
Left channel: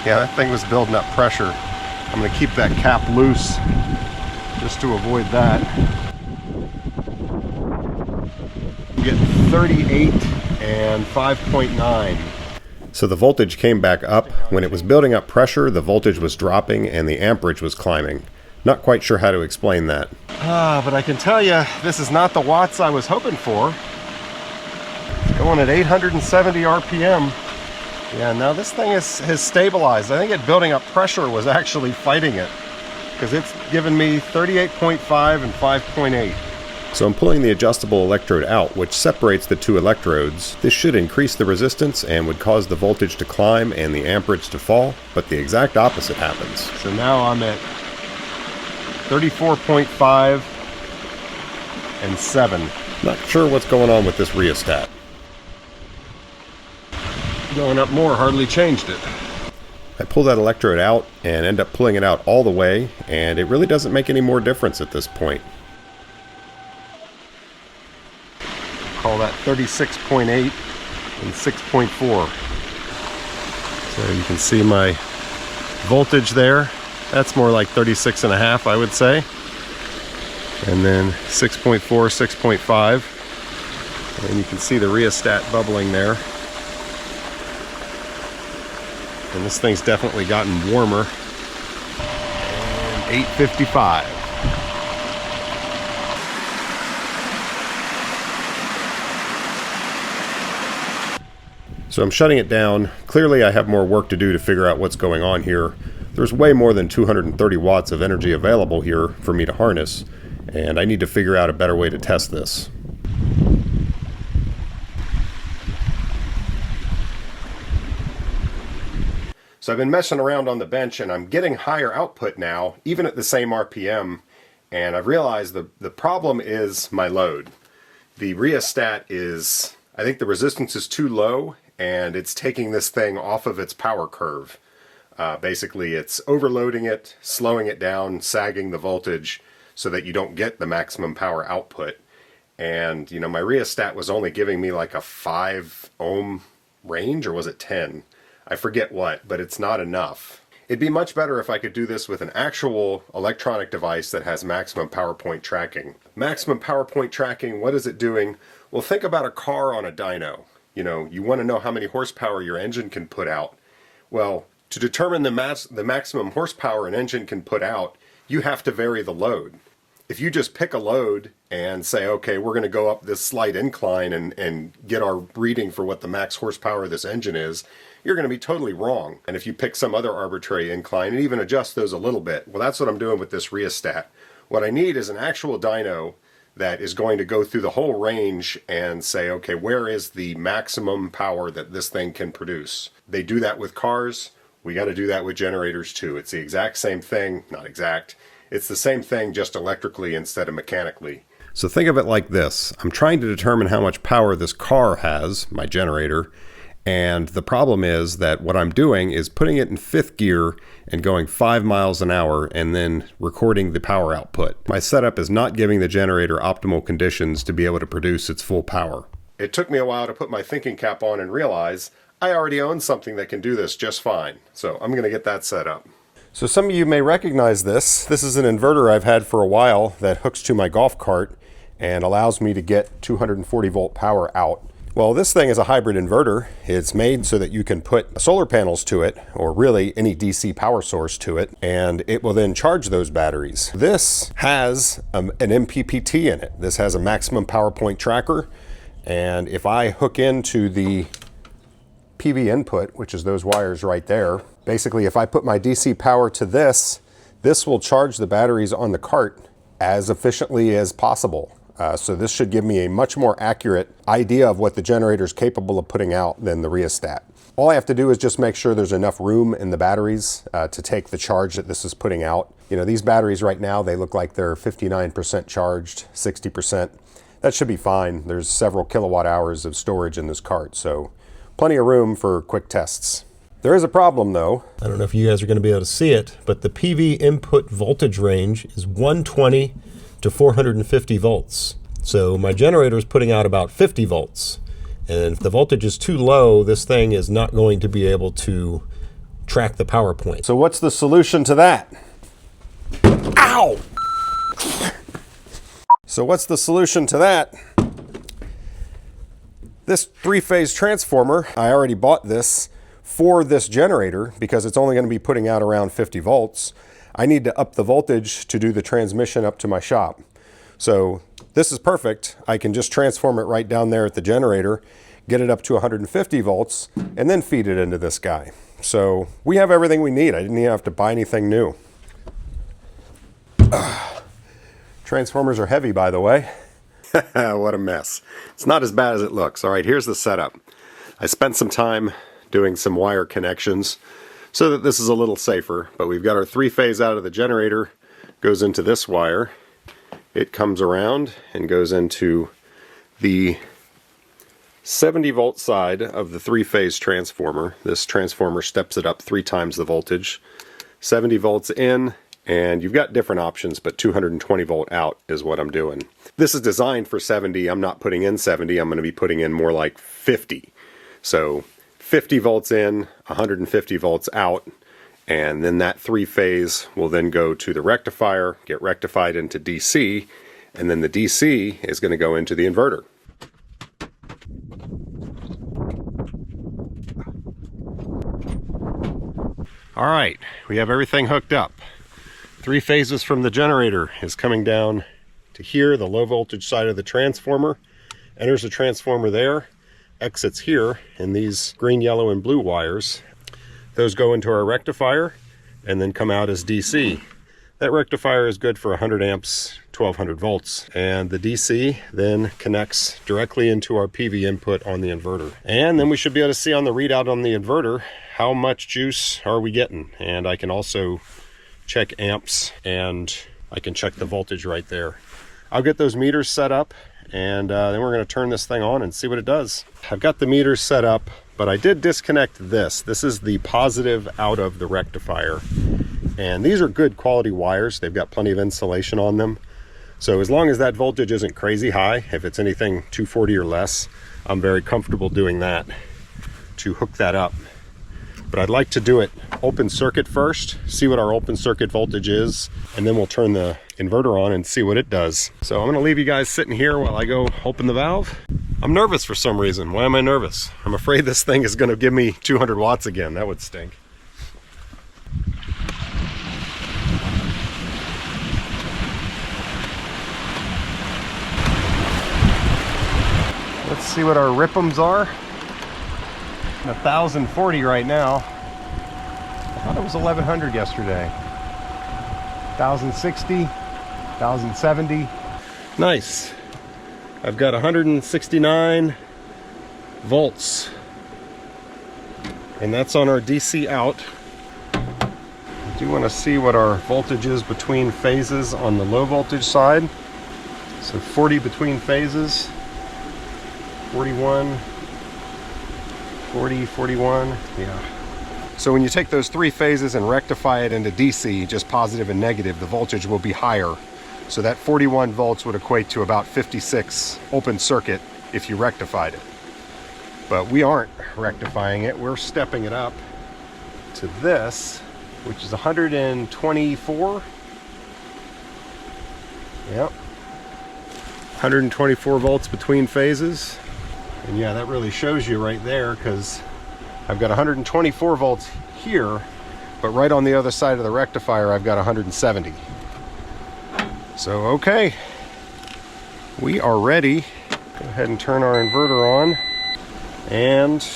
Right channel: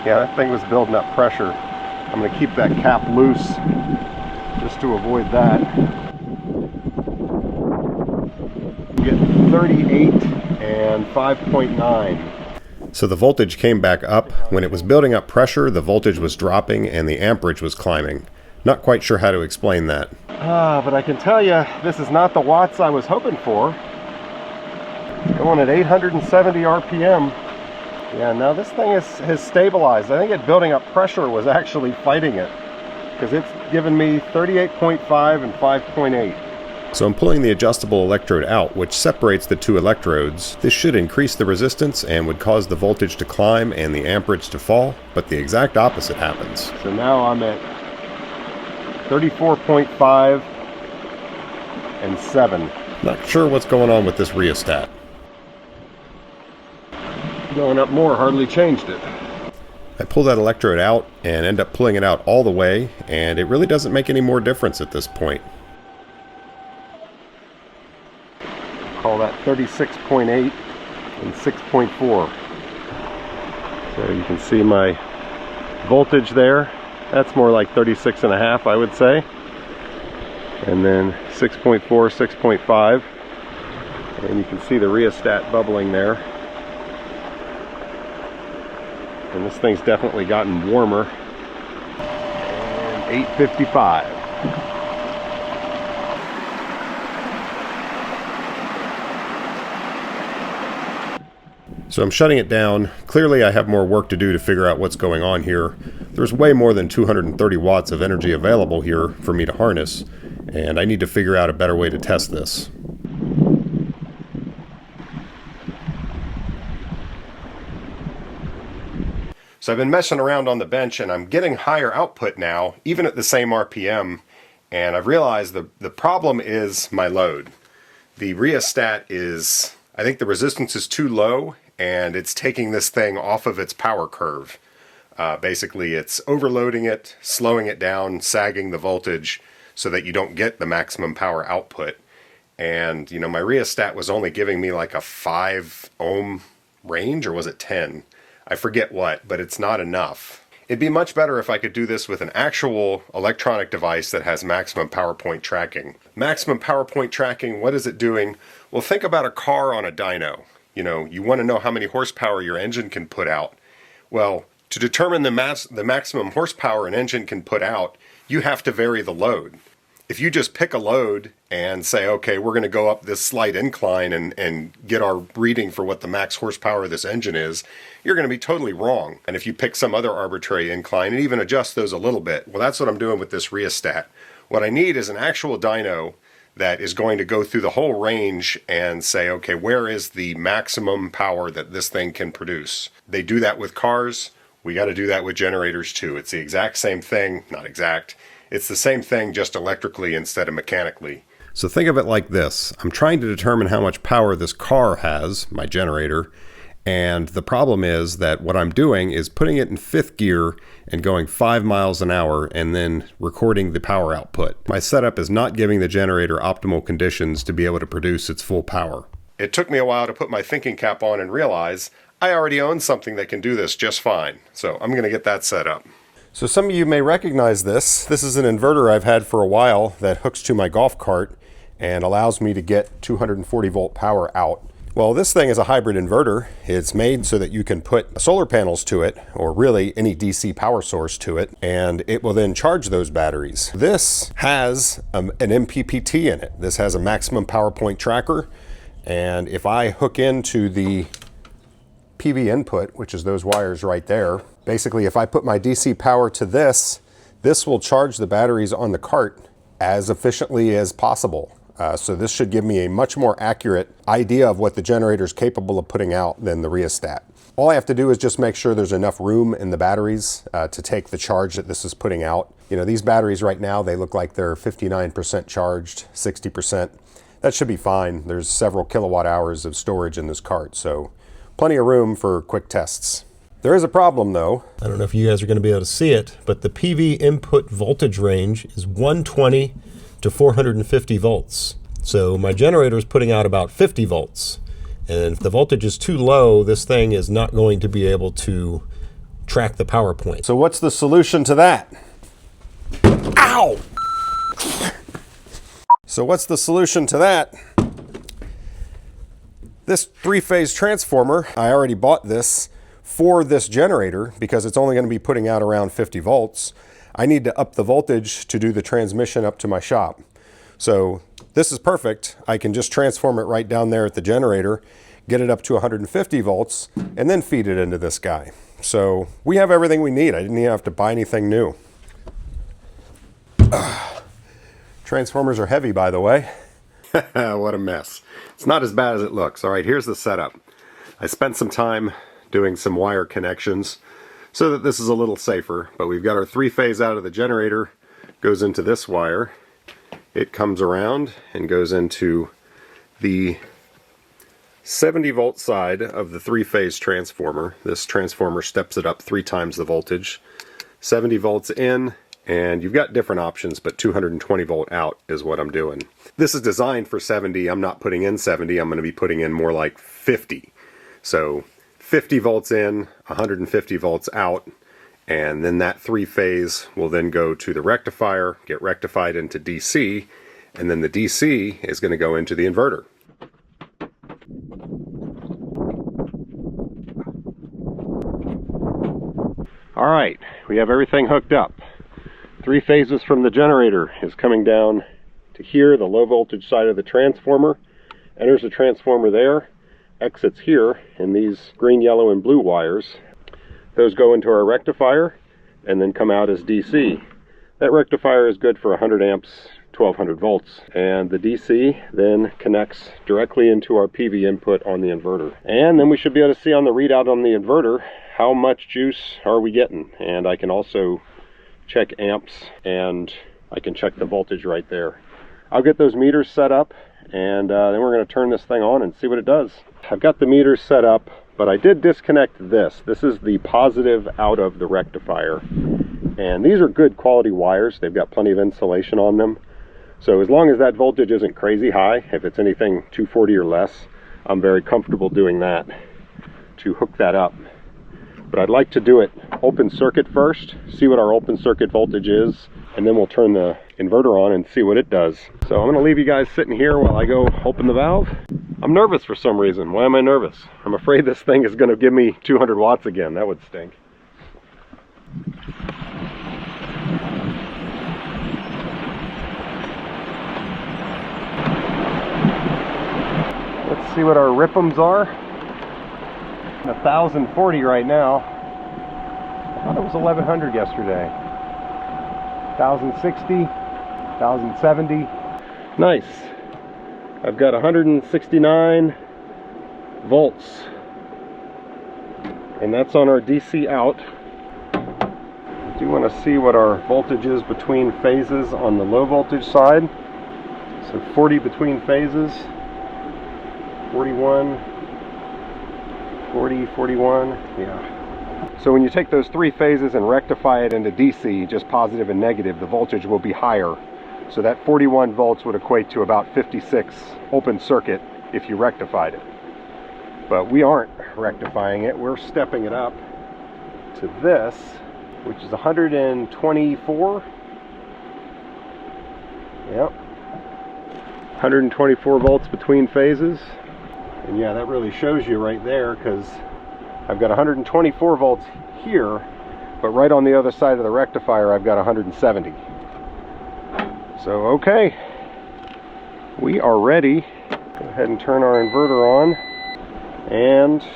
Yeah, that thing was building up pressure. I'm going to keep that cap loose just to avoid that. I'm getting 38 and 5.9. So the voltage came back up. When it was building up pressure, the voltage was dropping and the amperage was climbing. Not quite sure how to explain that. But I can tell you, this is not the watts I was hoping for. It's going at 870 RPM. Yeah, now this thing has stabilized. I think it building up pressure was actually fighting it, because it's given me 38.5 and 5.8. So I'm pulling the adjustable electrode out, which separates the two electrodes. This should increase the resistance and would cause the voltage to climb and the amperage to fall, but the exact opposite happens. So now I'm at 34.5 and 7. Not sure what's going on with this rheostat. Going up more hardly changed it. I pull that electrode out and end up pulling it out all the way, and it really doesn't make any more difference at this point. Call that 36.8 and 6.4. So you can see my voltage there. That's more like 36.5, I would say. And then 6.4, 6.5. And you can see the rheostat bubbling there. And this thing's definitely gotten warmer. And 855. So I'm shutting it down. Clearly I have more work to do to figure out what's going on here. There's way more than 230 watts of energy available here for me to harness, and I need to figure out a better way to test this. So I've been messing around on the bench and I'm getting higher output now, even at the same RPM. And I've realized the problem is my load. The rheostat is, I think the resistance is too low and it's taking this thing off of its power curve. Basically it's overloading it, slowing it down, sagging the voltage so that you don't get the maximum power output. And you know, my rheostat was only giving me like a 5 ohm range, or was it 10? I forget what, but it's not enough. It'd be much better if I could do this with an actual electronic device that has maximum power point tracking. Maximum power point tracking, what is it doing? Well, think about a car on a dyno. You know, you want to know how many horsepower your engine can put out. Well, to determine the maximum horsepower an engine can put out, you have to vary the load. If you just pick a load and say, okay, we're going to go up this slight incline and get our reading for what the max horsepower of this engine is, you're going to be totally wrong. And if you pick some other arbitrary incline and even adjust those a little bit, well, that's what I'm doing with this rheostat. What I need is an actual dyno that is going to go through the whole range and say, okay, where is the maximum power that this thing can produce? They do that with cars. We got to do that with generators too. It's the exact same thing, not exact. It's the same thing, just electrically instead of mechanically. So think of it like this. I'm trying to determine how much power this car has, my generator, and the problem is that what I'm doing is putting it in 5th gear and going 5 miles an hour and then recording the power output. My setup is not giving the generator optimal conditions to be able to produce its full power. It took me a while to put my thinking cap on and realize I already own something that can do this just fine. So I'm going to get that set up. So some of you may recognize this. This is an inverter I've had for a while that hooks to my golf cart and allows me to get 240 volt power out. Well, this thing is a hybrid inverter. It's made so that you can put solar panels to it, or really any DC power source to it, and it will then charge those batteries. This has an MPPT in it. This has a maximum power point tracker, and if I hook into the PV input, which is those wires right there, basically if I put my DC power to this, this will charge the batteries on the cart as efficiently as possible. So this should give me a much more accurate idea of what the generator is capable of putting out than the rheostat. All I have to do is just make sure there's enough room in the batteries to take the charge that this is putting out. You know, these batteries right now, they look like they're 59% charged, 60%. That should be fine. There's several kilowatt hours of storage in this cart, so plenty of room for quick tests. There is a problem though. I don't know if you guys are going to be able to see it, but the PV input voltage range is 120 to 450 volts. So my generator is putting out about 50 volts. And if the voltage is too low, this thing is not going to be able to track the power point. So what's the solution to that? Ow! So what's the solution to that? This 3-phase transformer, I already bought this for this generator because it's only going to be putting out around 50 volts. I need to up the voltage to do the transmission up to my shop. So this is perfect. I can just transform it right down there at the generator, get it up to 150 volts, and then feed it into this guy. So we have everything we need. I didn't even have to buy anything new. Transformers are heavy, by the way. What a mess. It's not as bad as it looks. All right, here's the setup. I spent some time doing some wire connections so that this is a little safer, but we've got our 3-phase out of the generator, goes into this wire. It comes around and goes into the 70 volt side of the 3-phase transformer. This transformer steps it up 3 times the voltage. 70 volts in, and you've got different options, but 220 volt out is what I'm doing. This is designed for 70. I'm not putting in 70. I'm going to be putting in more like 50. So 50 volts in, 150 volts out, and then that 3-phase will then go to the rectifier, get rectified into DC, and then the DC is going to go into the inverter. All right, we have everything hooked up. 3 phases from the generator is coming down to here, the low voltage side of the transformer, enters the transformer there, exits here in these green, yellow, and blue wires. Those go into our rectifier and then come out as DC. That rectifier is good for 100 amps, 1200 volts, and the DC then connects directly into our PV input on the inverter. And then we should be able to see on the readout on the inverter how much juice are we getting. And I can also check amps, and I can check the voltage right there. I'll get those meters set up, and then we're going to turn this thing on and see what it does. I've got the meters set up, but I did disconnect this. This is the positive out of the rectifier. And these are good quality wires. They've got plenty of insulation on them. So as long as that voltage isn't crazy high, if it's anything 240 or less, I'm very comfortable doing that to hook that up. But I'd like to do it open circuit first, see what our open circuit voltage is, and then we'll turn the inverter on and see what it does. So I'm gonna leave you guys sitting here while I go open the valve. I'm nervous for some reason. Why am I nervous? I'm afraid this thing is gonna give me 200 watts again. That would stink. Let's see what our RPMs are. 1040 right now. I thought it was 1100 yesterday. 1060, 1070. Nice. I've got 169 volts. And that's on our DC out. I do want to see what our voltage is between phases on the low voltage side. So 40 between phases. 41, 40, 41, yeah. So when you take those three phases and rectify it into DC, just positive and negative, the voltage will be higher. So that 41 volts would equate to about 56 open circuit if you rectified it. But we aren't rectifying it, we're stepping it up to this, which is 124. Yep. 124 volts between phases. And yeah, that really shows you right there, because I've got 124 volts here, but right on the other side of the rectifier I've got 170. So okay, we are ready. Go ahead and turn our inverter on, and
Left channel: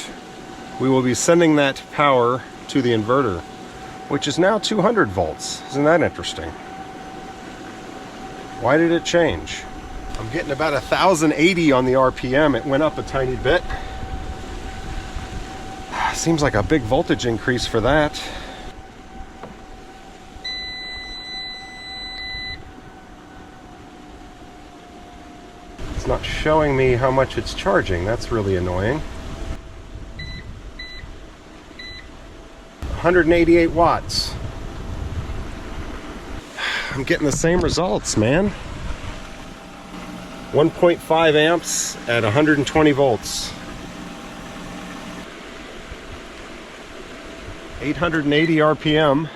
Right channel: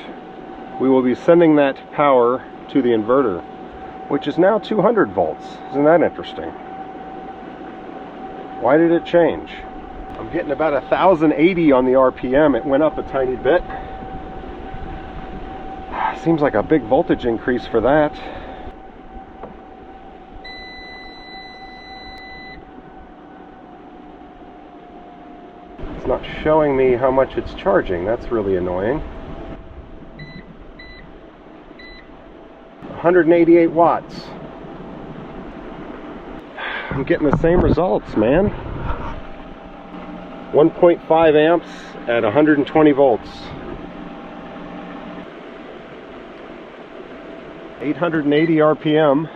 we will be sending that power to the inverter, which is now 200 volts. Isn't that interesting? Why did it change? I'm getting about 1080 on the RPM. It went up a tiny bit. Seems like a big voltage increase for that. It's not showing me how much it's charging. That's really annoying. 188 watts. I'm getting the same results, man. 1.5 amps at 120 volts. 880 RPM.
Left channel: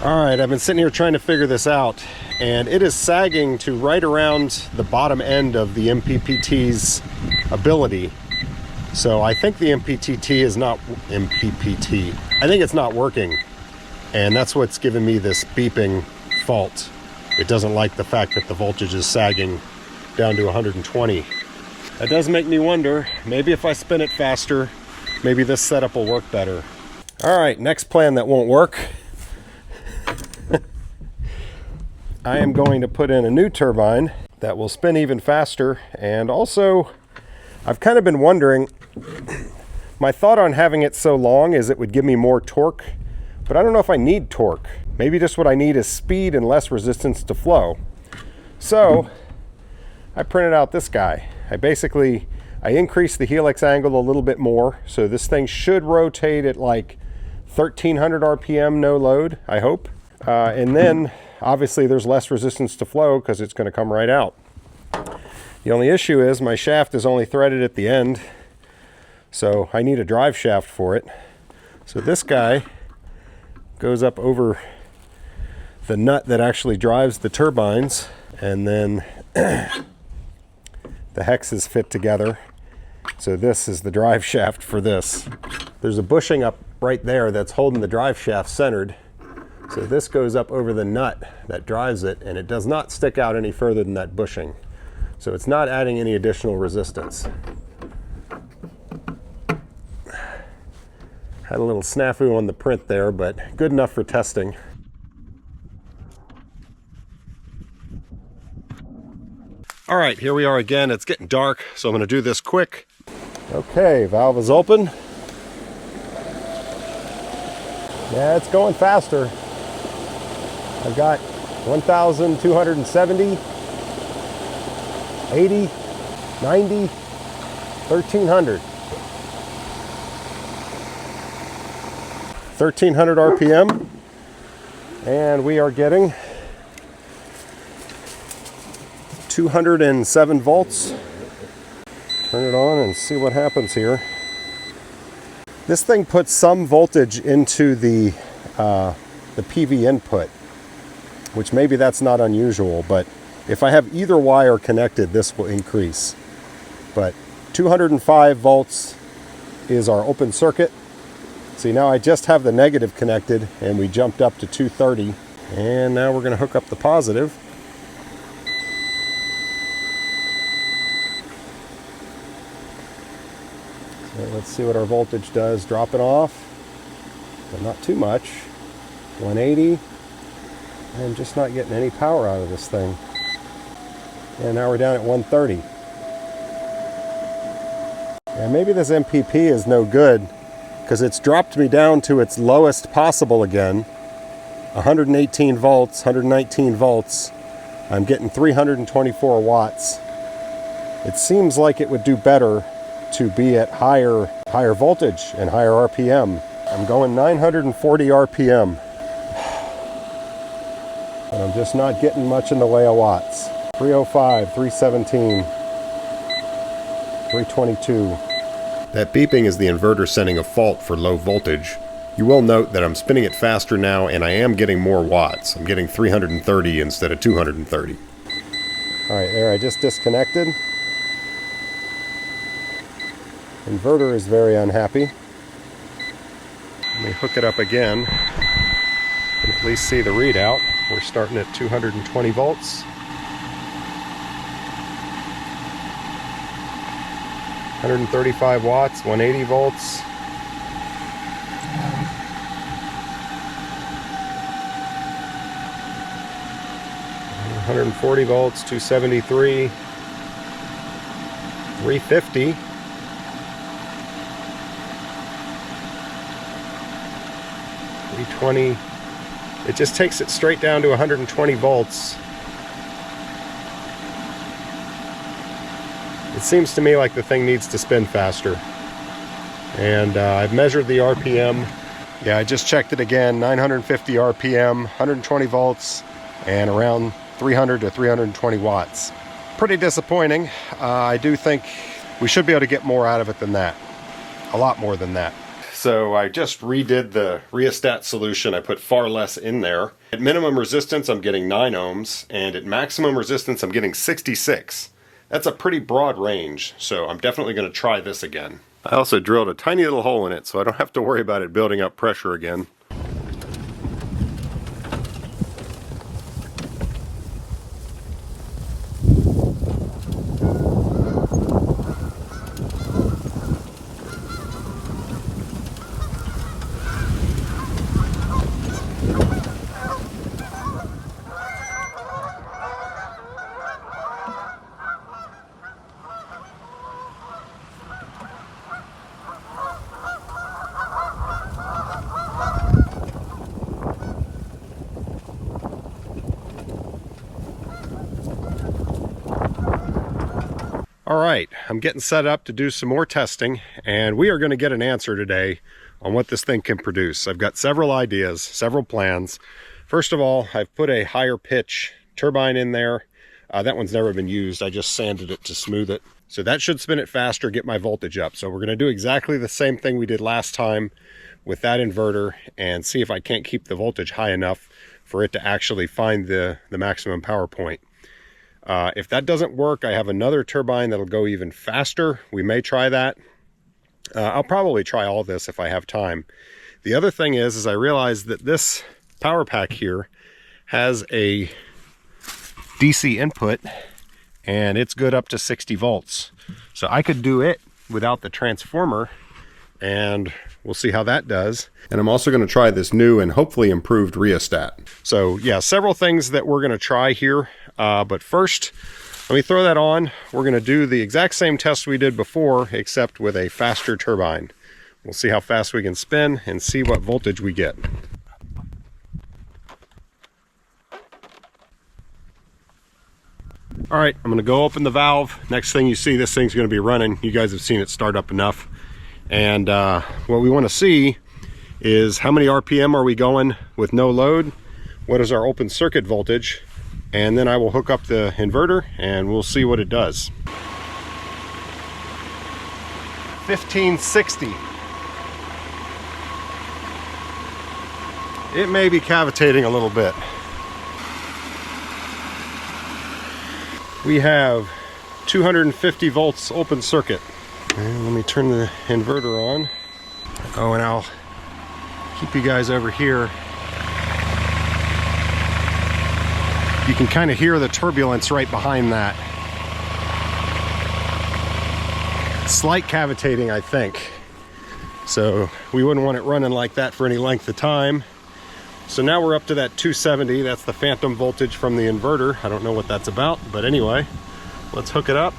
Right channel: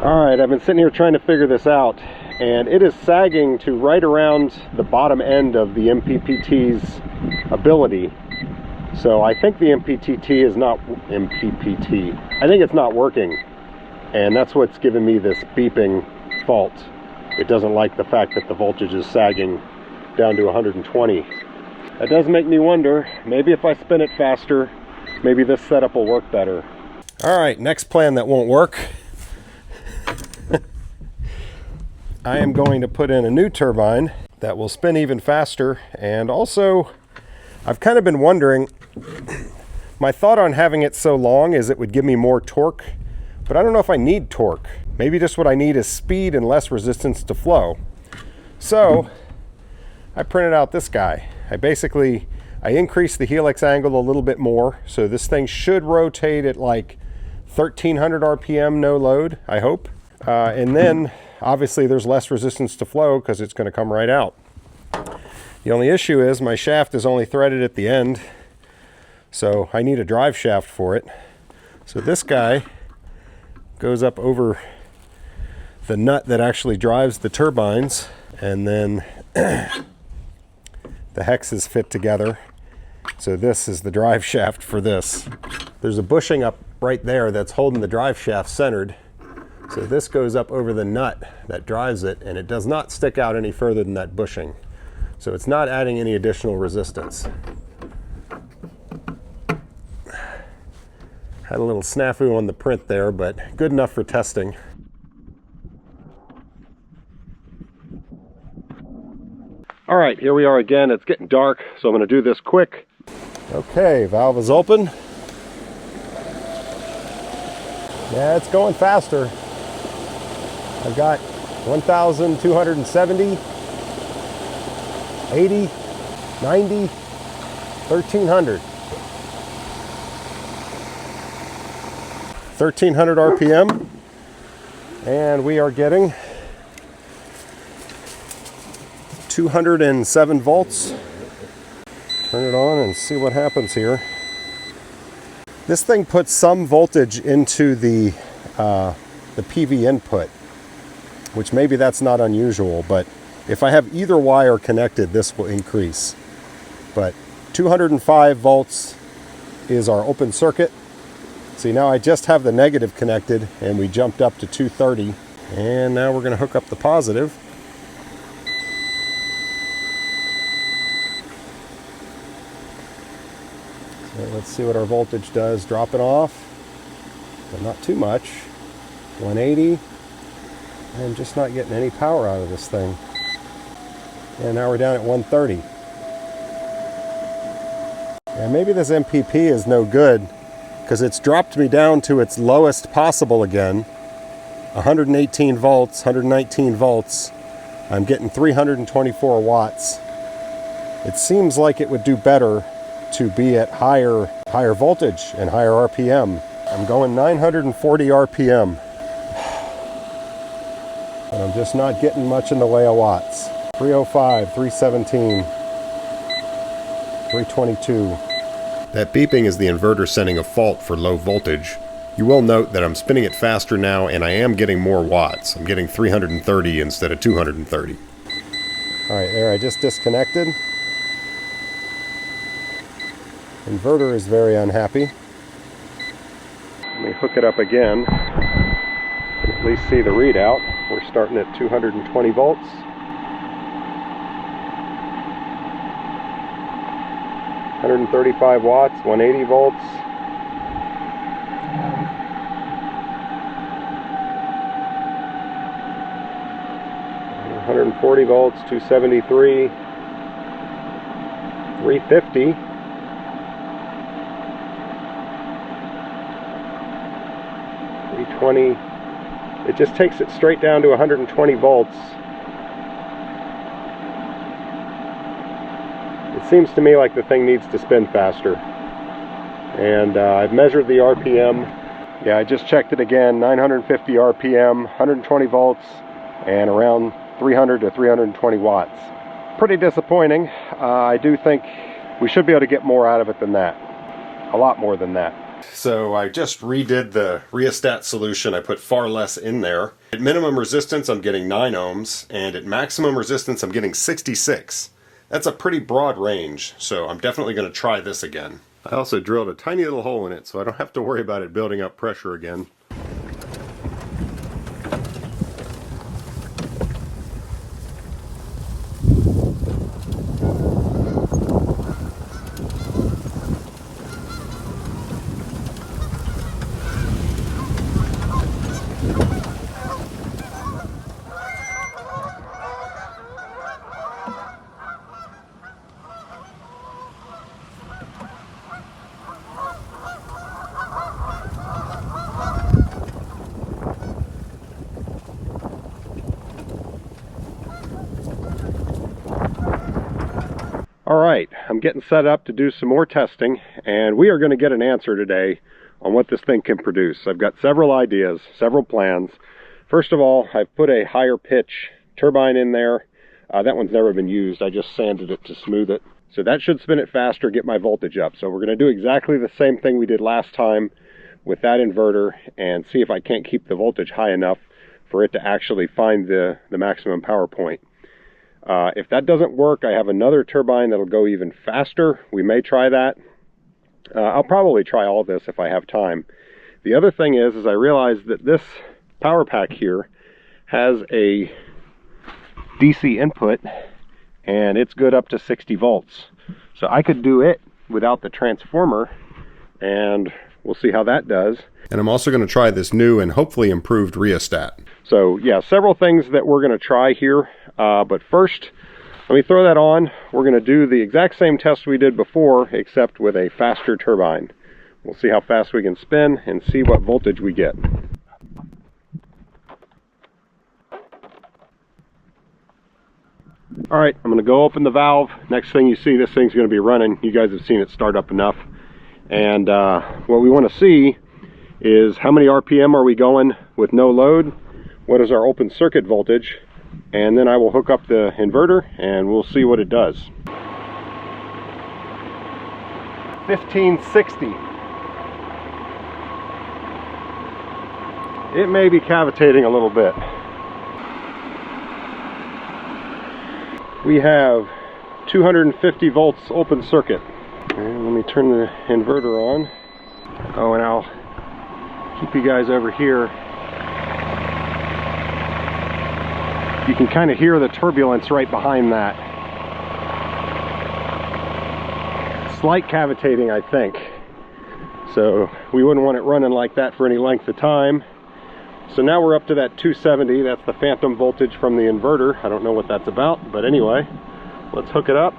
Alright, I've been sitting here trying to figure this out, and it is sagging to right around the bottom end of the MPPT's ability. So I think the MPPT is not MPPT. I think it's not working, and that's what's giving me this beeping fault. It doesn't like the fact that the voltage is sagging down to 120. That does make me wonder, maybe if I spin it faster, maybe this setup will work better. All right, next plan that won't work. I am going to put in a new turbine that will spin even faster, and also I've kind of been wondering, my thought on having it so long is it would give me more torque, but I don't know if I need torque. Maybe just what I need is speed and less resistance to flow. So I printed out this guy. I increased the helix angle a little bit more, so this thing should rotate at like 1300 RPM no load, I hope. And then obviously there's less resistance to flow because it's going to come right out. The only issue is my shaft is only threaded at the end, so I need a drive shaft for it. So this guy goes up over the nut that actually drives the turbines, and then the hexes fit together. So this is the drive shaft for this. There's a bushing up right there that's holding the drive shaft centered. So this goes up over the nut that drives it, and it does not stick out any further than that bushing. So it's not adding any additional resistance. Had a little snafu on the print there, but good enough for testing. All right, here we are again. It's getting dark, so I'm going to do this quick. Okay, valve is open. Yeah, it's going faster. I've got 1,270, 80, 90, 1,300. 1,300 RPM, and we are getting 207 volts. Turn it on and see what happens here. This thing puts some voltage into the PV input, which maybe that's not unusual, but if I have either wire connected, this will increase. But 205 volts is our open circuit. See, now I just have the negative connected, and we jumped up to 230, and now we're going to hook up the positive. So let's see what our voltage does. Drop it off, but not too much. 180, and just not getting any power out of this thing. And now we're down at 130. And maybe this MPP is no good, because it's dropped me down to its lowest possible again. 118 volts, 119 volts. I'm getting 324 watts. It seems like it would do better to be at higher voltage and higher RPM. I'm going 940 RPM. But I'm just not getting much in the way of watts. 305, 317, 322. That beeping is the inverter sending a fault for low voltage. You will note that I'm spinning it faster now, and I am getting more watts. I'm getting 330 instead of 230. All right, there, I just disconnected. Inverter is very unhappy. Let me hook it up again. At least see the readout. We're starting at 220 volts. 135 watts, 180 volts. 140 volts, 273, 350. 320. It just takes it straight down to 120 volts. It seems to me like the thing needs to spin faster. And I've measured the RPM. Yeah, I just checked it again, 950 RPM, 120 volts, and around 300 to 320 watts. Pretty disappointing. I do think we should be able to get more out of it than that. A lot more than that. So I just redid the Rheostat solution. I put far less in there. At minimum resistance, I'm getting 9 ohms, and at maximum resistance, I'm getting 66. That's a pretty broad range, so I'm definitely going to try this again. I also drilled a tiny little hole in it, so I don't have to worry about it building up pressure again. All right, I'm getting set up to do some more testing, and we are going to get an answer today on what this thing can produce. I've got several ideas, several plans. First of all, I've put a higher pitch turbine in there. That one's never been used. I just sanded it to smooth it. So that should spin it faster, get my voltage up. So we're going to do exactly the same thing we did last time with that inverter and see if I can't keep the voltage high enough for it to actually find the maximum power point. If that doesn't work, I have another turbine that'll go even faster. We may try that. I'll probably try all this if I have time. The other thing is I realized that this power pack here has a DC input, and it's good up to 60 volts. So I could do it without the transformer and We'll see how that does. And I'm also going to try this new and hopefully improved rheostat. So yeah, several things that we're going to try here. But first, let me throw that on. We're going to do the exact same test we did before, except with a faster turbine. We'll see how fast we can spin and see what voltage we get. All right, I'm going to go open the valve. Next thing you see, this thing's going to be running. You guys have seen it start up enough. And what we want to see is how many RPM are we going with no load? What is our open circuit voltage? And then I will hook up the inverter and we'll see what it does. 1560. It may be cavitating a little bit. We have 250 volts open circuit. And let me turn the inverter on. Oh, and I'll keep you guys over here. You can kind of hear the turbulence right behind that. Slight cavitating, I think. So we wouldn't want it running like that for any length of time. So now we're up to that 270. That's the phantom voltage from the inverter. I don't know what that's about, but anyway, let's hook it up.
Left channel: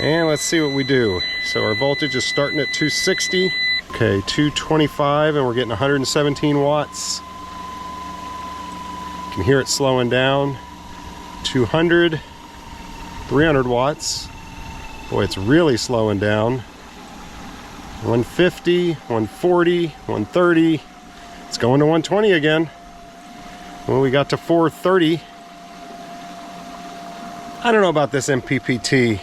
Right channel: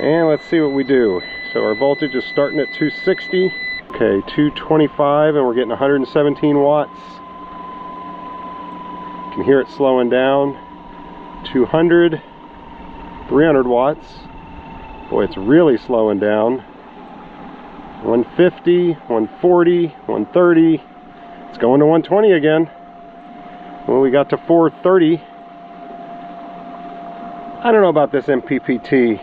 And let's see what we do. So our voltage is starting at 260. Okay, 225, and we're getting 117 watts. You can hear it slowing down. 200, 300 watts. Boy, it's really slowing down. 150, 140, 130. It's going to 120 again. Well, we got to 430. I don't know about this MPPT.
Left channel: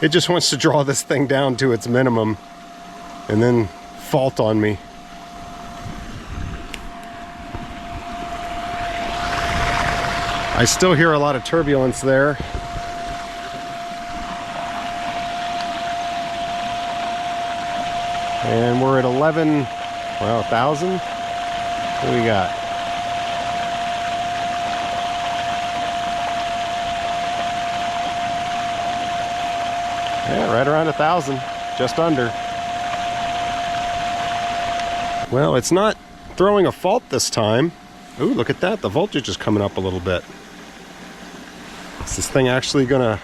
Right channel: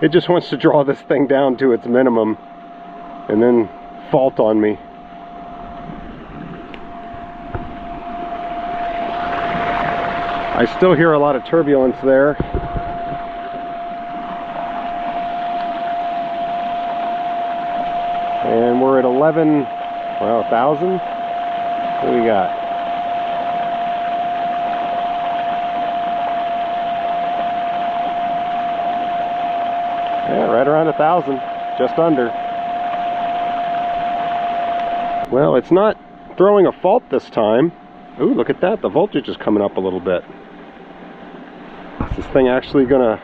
It just wants to draw this thing down to its minimum and then fault on me. I still hear a lot of turbulence there. And we're at 11, well, 1,000. What do we got? Yeah, right around 1,000, just under. Well, it's not throwing a fault this time. Ooh, look at that, the voltage is coming up a little bit. Is this thing actually gonna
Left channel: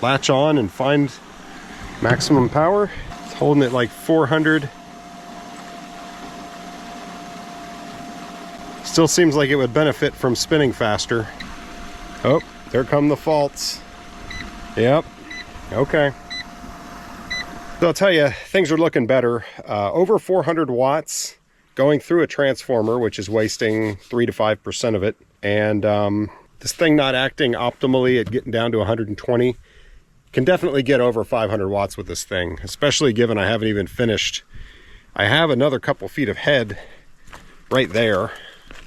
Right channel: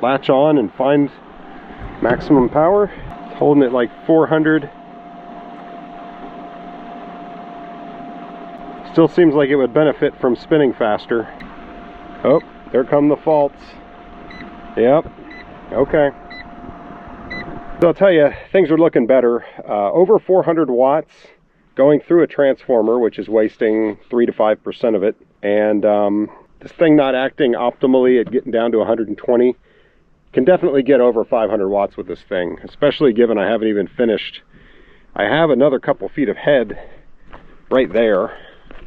latch on and find maximum power? It's holding it like 400. Still seems like it would benefit from spinning faster. Oh, there come the faults. Yep, okay. So I'll tell you, things are looking better. Over 400 watts going through a transformer, which is wasting 3 to 5% of it. And this thing not acting optimally at getting down to 120. Can definitely get over 500 watts with this thing, especially given I haven't even finished. I have another couple feet of head right there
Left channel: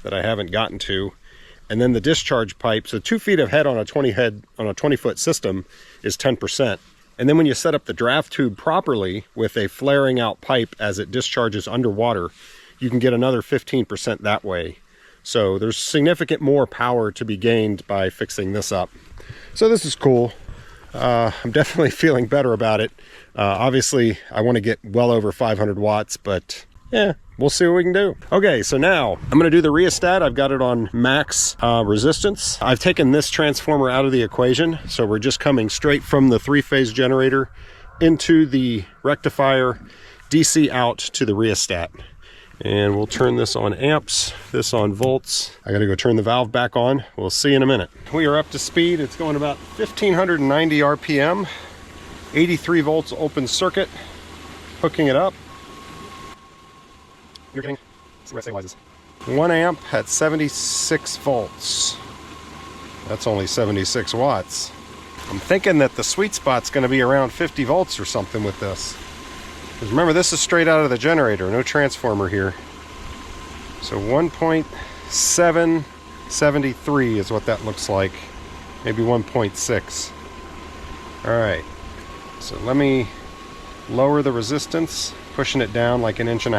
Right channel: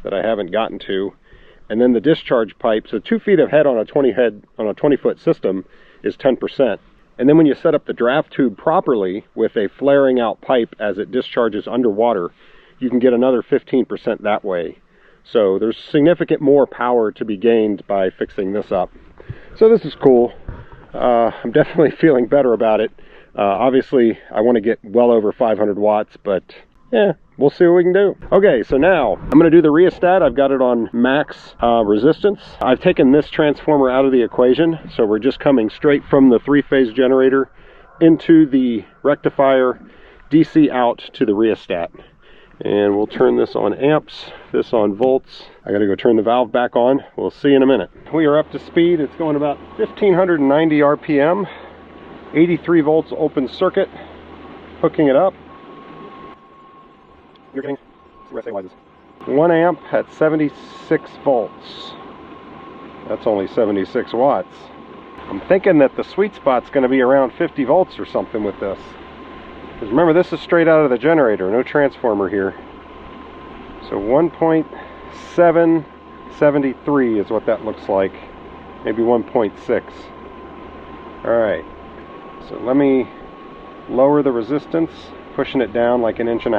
that I haven't gotten to. And then the discharge pipe, so 2 feet of head on a 20-foot system is 10%. And then when you set up the draft tube properly with a flaring out pipe as it discharges underwater, you can get another 15% that way. So there's significant more power to be gained by fixing this up. So this is cool. I'm definitely feeling better about it. Obviously, I want to get well over 500 watts, but yeah, we'll see what we can do. Okay, so now I'm going to do the rheostat. I've got it on max resistance. I've taken this transformer out of the equation, so we're just coming straight from the 3-phase generator into the rectifier, DC out to the rheostat. And we'll turn this on amps, this on volts. I gotta go turn the valve back on. We'll see in a minute. We are up to speed. It's going about 1,590 RPM, 83 volts open circuit. Hooking it up. You're getting, see where it stabilizes. 1 amp at 76 volts. That's only 76 watts. I'm thinking that the sweet spot's gonna be around 50 volts or something with this. Because remember, this is straight out of the generator, no transformer here. So 1.773 is what that looks like. Maybe 1.6. All right, so let me lower the resistance, pushing it down like 1.5 inches.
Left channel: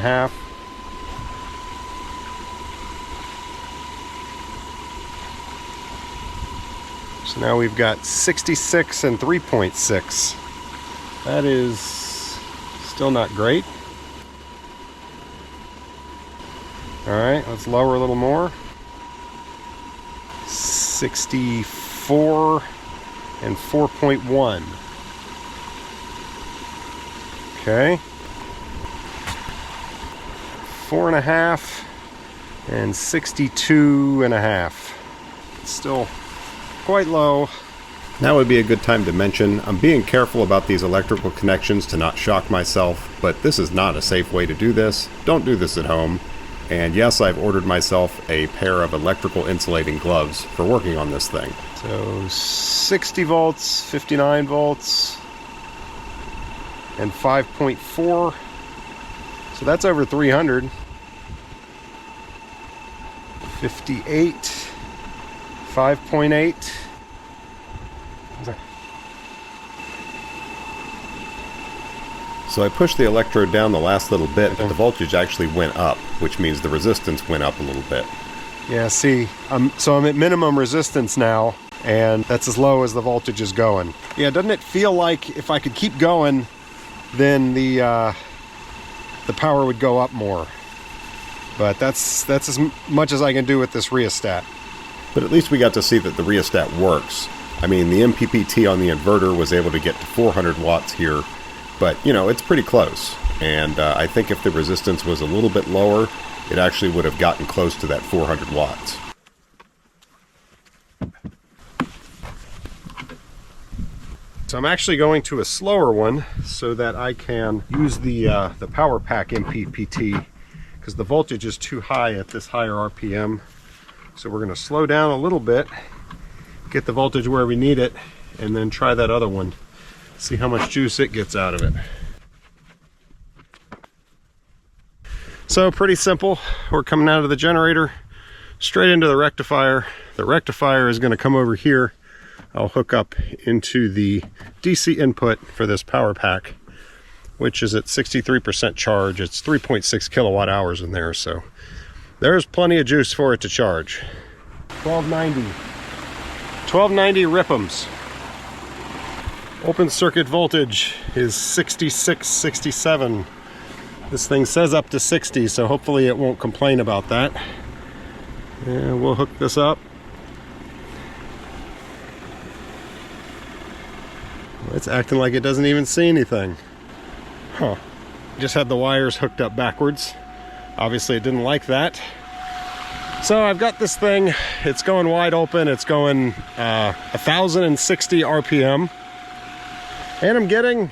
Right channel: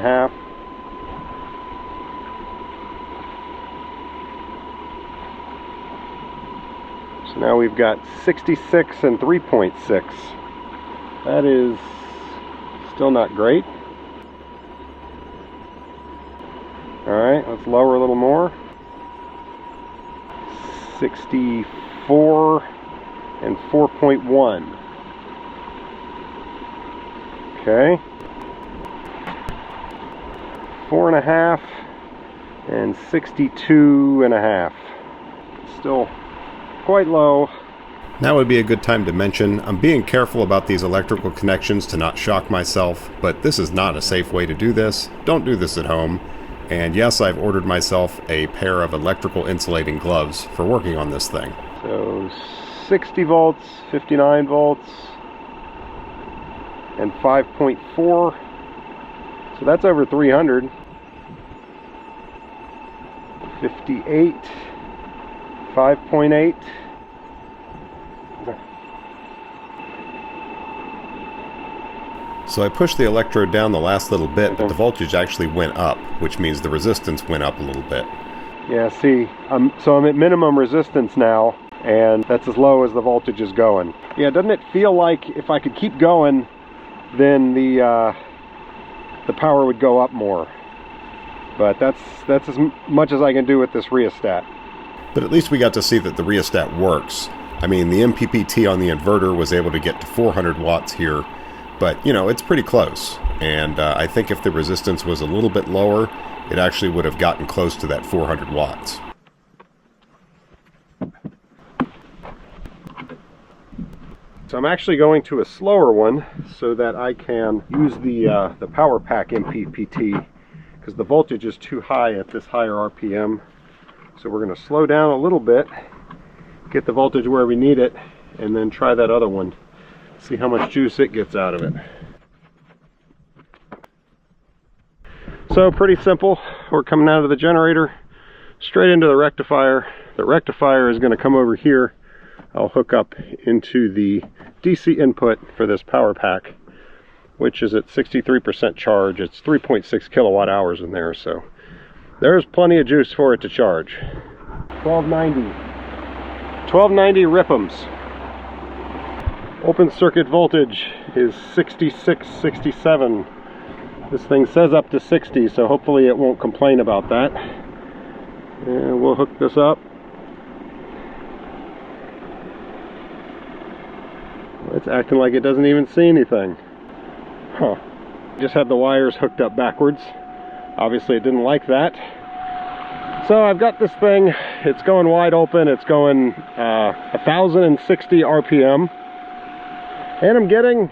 So now we've got 66 and 3.6. That is Still not great. Alright, let's lower a little more. 64 and 4.1. Okay. 4.5 and 62.5. Still quite low. Now would be a good time to mention I'm being careful about these electrical connections to not shock myself, but this is not a safe way to do this. Don't do this at home. And yes, I've ordered myself a pair of electrical insulating gloves for working on this thing. So 60 volts, 59 volts, and 5.4. So that's over 300. 58, 5.8. So I pushed the electrode down the last little bit, but the voltage actually went up, which means the resistance went up a little bit. Yeah, see, so I'm at minimum resistance now, and that's as low as the voltage is going. Yeah, doesn't it feel like if I could keep going, then the power would go up more? But that's as much as I can do with this rheostat. But at least we got to see that the rheostat works. I mean, the MPPT on the inverter was able to get to 400 watts here, but you know, it's pretty close. And I think if the resistance was a little bit lower, it actually would have gotten close to that 400 watts. So I'm actually going to a slower one so that I can use the power pack MPPT, because the voltage is too high at this higher RPM. So we're going to slow down a little bit, get the voltage where we need it, and then try that other one. See how much juice it gets out of it. So pretty simple. We're coming out of the generator, straight into the rectifier. The rectifier is going to come over here. I'll hook up into the DC input for this power pack, which is at 63% charge. It's 3.6 kilowatt hours in there, so there's plenty of juice for it to charge. 1290 RIPMs. Open circuit voltage is 66, 67. This thing says up to 60, so hopefully it won't complain about that. And we'll hook this up. It's acting like it doesn't even see anything. Huh. Just had the wires hooked up backwards. Obviously it didn't like that. So I've got this thing, it's going wide open, it's going 1060 RPM. And I'm getting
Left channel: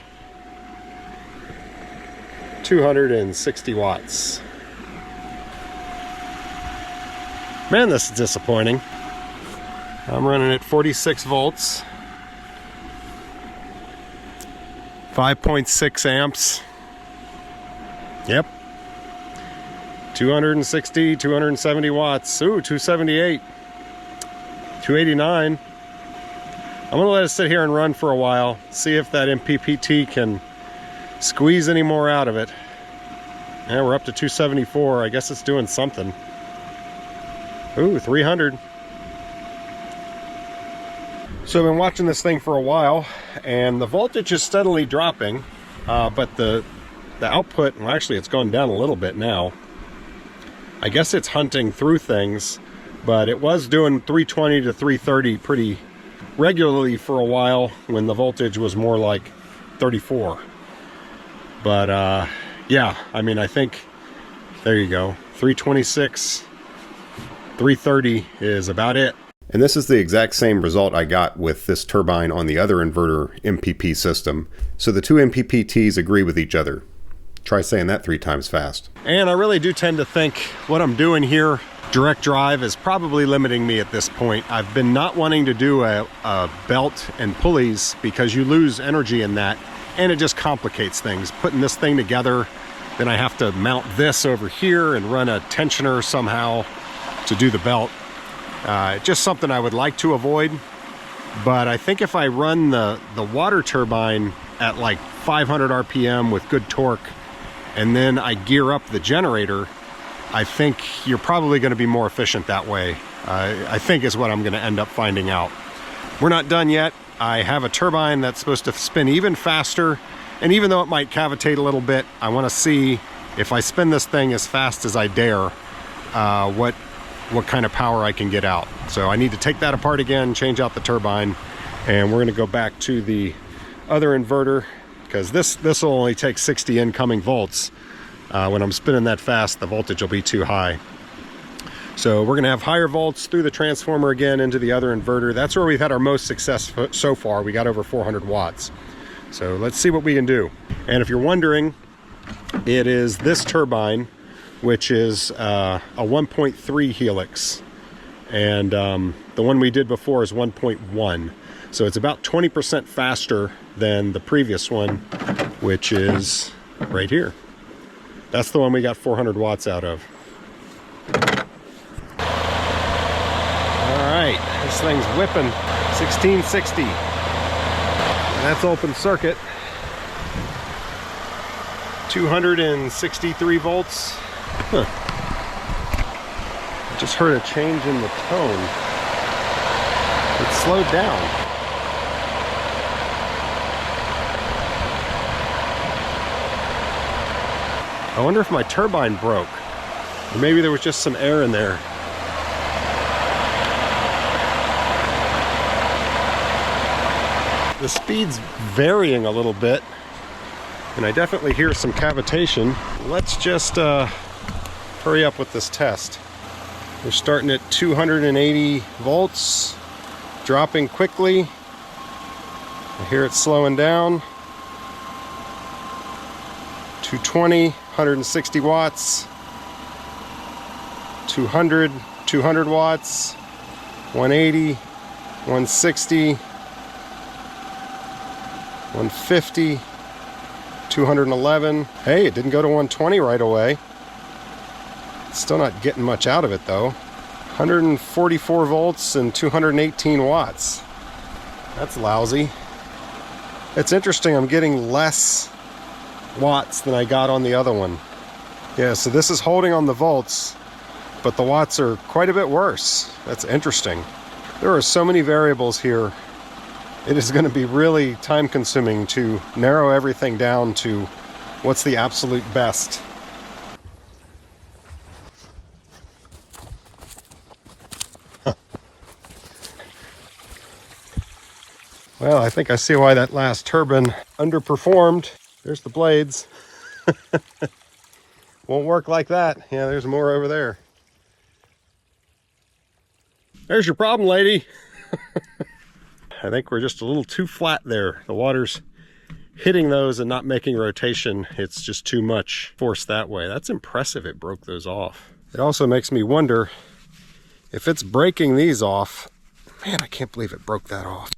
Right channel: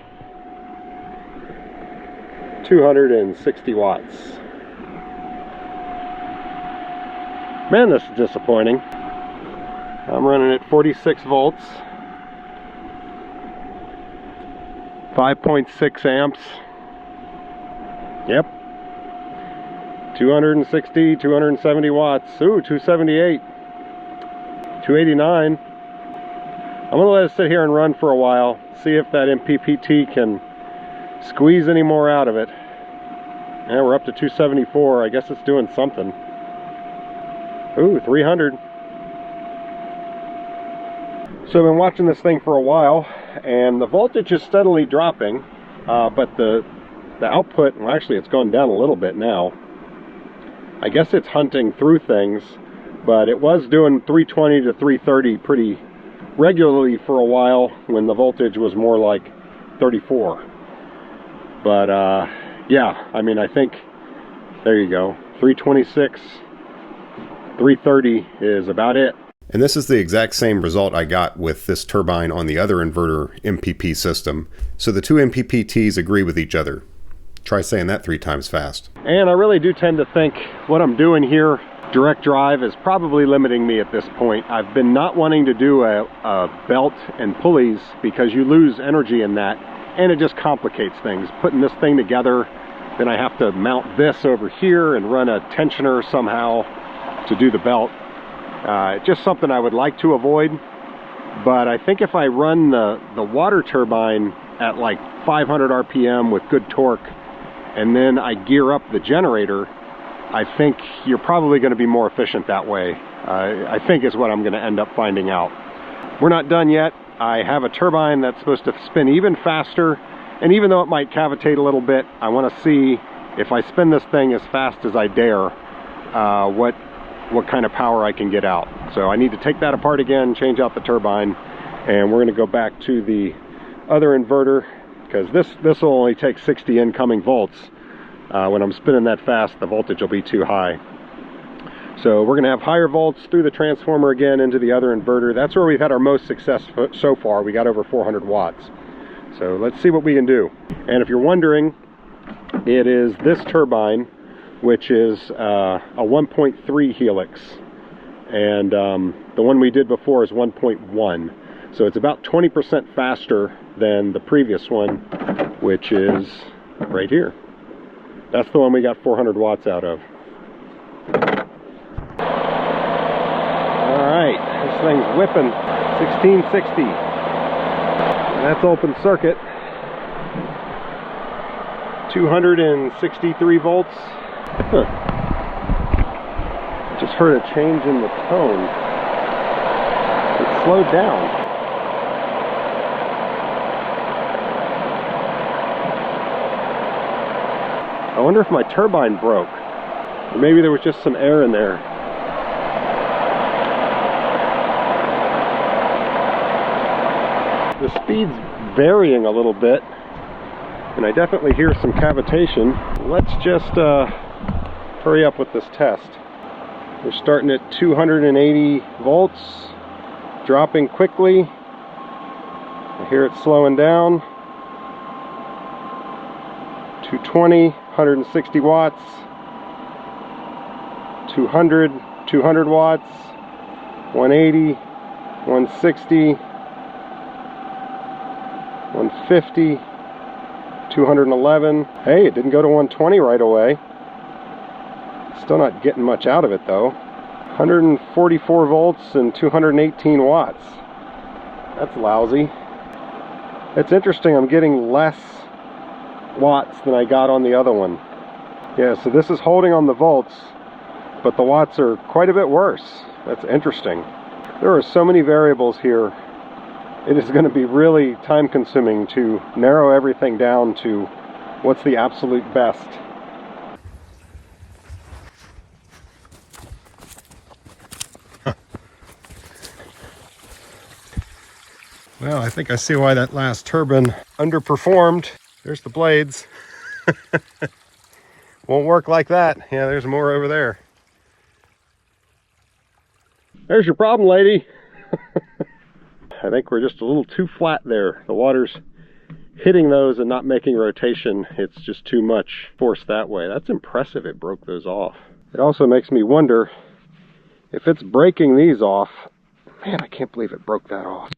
260 watts. Man, this is disappointing. I'm running at 46 volts. 5.6 amps. Yep. 260, 270 watts. Ooh, 278. 289. I'm gonna let it sit here and run for a while, see if that MPPT can squeeze any more out of it. Yeah, we're up to 274. I guess it's doing something. Ooh, 300. So I've been watching this thing for a while, and the voltage is steadily dropping, but the output, well, actually it's gone down a little bit now. I guess it's hunting through things, but it was doing 320 to 330 pretty regularly for a while when the voltage was more like 34. But yeah, I mean, I think, there you go, 326, 330 is about it. And this is the exact same result I got with this turbine on the other inverter MPP system. So the two MPPTs agree with each other. Try saying that 3 times fast. And I really do tend to think what I'm doing here, direct drive, is probably limiting me at this point. I've been not wanting to do a belt and pulleys because you lose energy in that, and it just complicates things. Putting this thing together, then I have to mount this over here and run a tensioner somehow to do the belt. Just something I would like to avoid, but I think if I run the water turbine at like 500 RPM with good torque, and then I gear up the generator, I think you're probably going to be more efficient that way. I think is what I'm going to end up finding out. We're not done yet. I have a turbine that's supposed to spin even faster And even though it might cavitate a little bit, I want to see if I spin this thing as fast as I dare, what kind of power I can get out. So I need to take that apart again, change out the turbine, and we're going to go back to the other inverter, because this will only take 60 incoming volts. When I'm spinning that fast, the voltage will be too high. So we're going to have higher volts through the transformer again into the other inverter. That's where we've had our most success so far. We got over 400 watts. So let's see what we can do. And if you're wondering, it is this turbine, which is a 1.3 helix. And the one we did before is 1.1. So it's about 20% faster than the previous one, which is right here. That's the one we got 400 watts out of. All right, this thing's whipping 1660. And that's open circuit. 263 volts. Huh. I just heard a change in the tone. It slowed down. I wonder if my turbine broke. Or maybe there was just some air in there. The speed's varying a little bit, and I definitely hear some cavitation. Let's just hurry up with this test. We're starting at 280 volts, dropping quickly. I hear it slowing down. 220, 160 watts. 200, 200 watts. 180, 160. 150, 211. Hey, it didn't go to 120 right away. Still not getting much out of it though. 144 volts and 218 watts. That's lousy. It's interesting, I'm getting less watts than I got on the other one. Yeah, so this is holding on the volts, but the watts are quite a bit worse. That's interesting. There are so many variables here. It is going to be really time consuming to narrow everything down to what's the absolute best. Well, I think I see why that last turbine underperformed. There's the blades. Won't work like that. Yeah, there's more over there. There's your problem, lady. I think we're just a little too flat there. The water's hitting those and not making rotation. It's just too much force that way. That's impressive it broke those off. It also makes me wonder if it's breaking these off. Man, I can't believe it broke that off.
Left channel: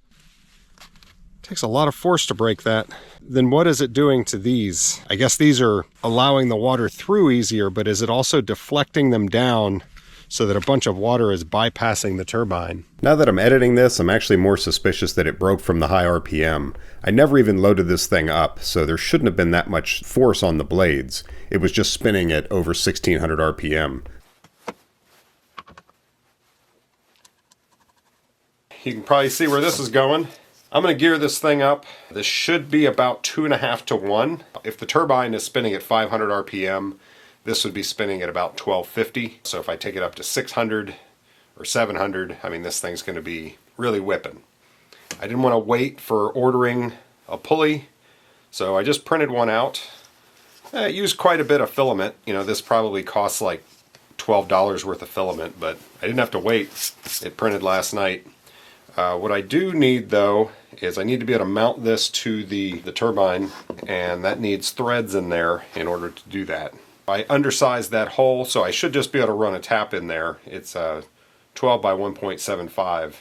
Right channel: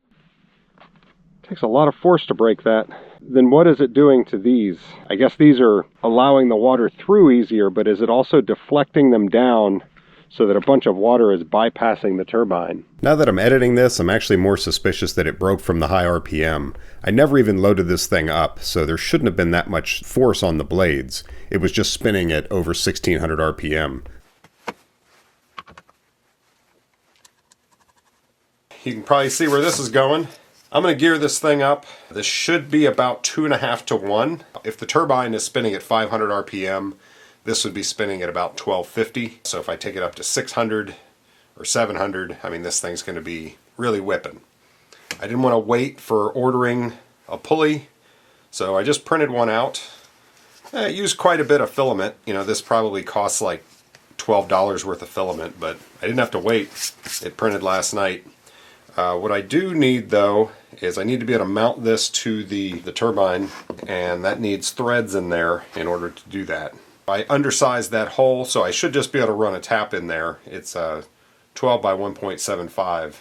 It takes a lot of force to break that. Then what is it doing to these? I guess these are allowing the water through easier, but is it also deflecting them down so that a bunch of water is bypassing the turbine? Now that I'm editing this, I'm actually more suspicious that it broke from the high RPM. I never even loaded this thing up, so there shouldn't have been that much force on the blades. It was just spinning at over 1600 RPM. You can probably see where this is going. I'm going to gear this thing up. This should be about 2.5 to 1. If the turbine is spinning at 500 RPM, this would be spinning at about 1250. So if I take it up to 600 or 700, I mean, this thing's going to be really whipping. I didn't want to wait for ordering a pulley, so I just printed one out. I used quite a bit of filament. You know, this probably costs like $12 worth of filament, but I didn't have to wait. It printed last night. What I do need though is I need to be able to mount this to the turbine, and that needs threads in there in order to do that. I undersized that hole, so I should just be able to run a tap in there. It's 12 by 1.75,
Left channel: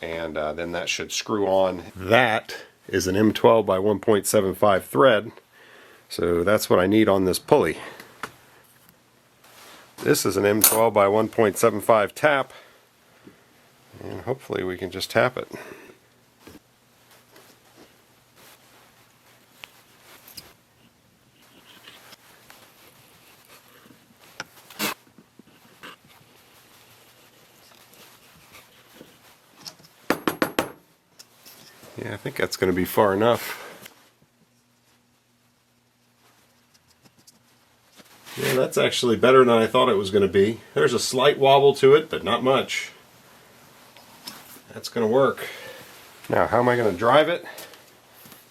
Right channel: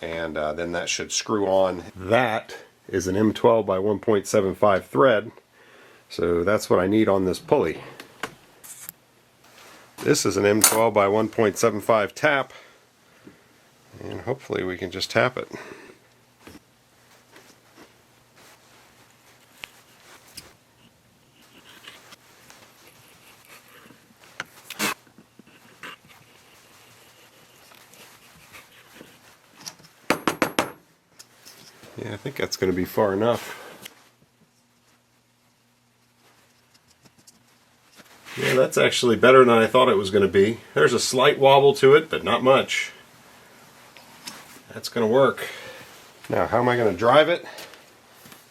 and then that should screw on. That is an M12 by 1.75 thread, so that's what I need on this pulley. This is an M12 by 1.75 tap, and hopefully we can just tap it. Yeah, I think that's going to be far enough. Yeah, that's actually better than I thought it was going to be. There's a slight wobble to it, but not much. That's going to work. Now, how am I going to drive it?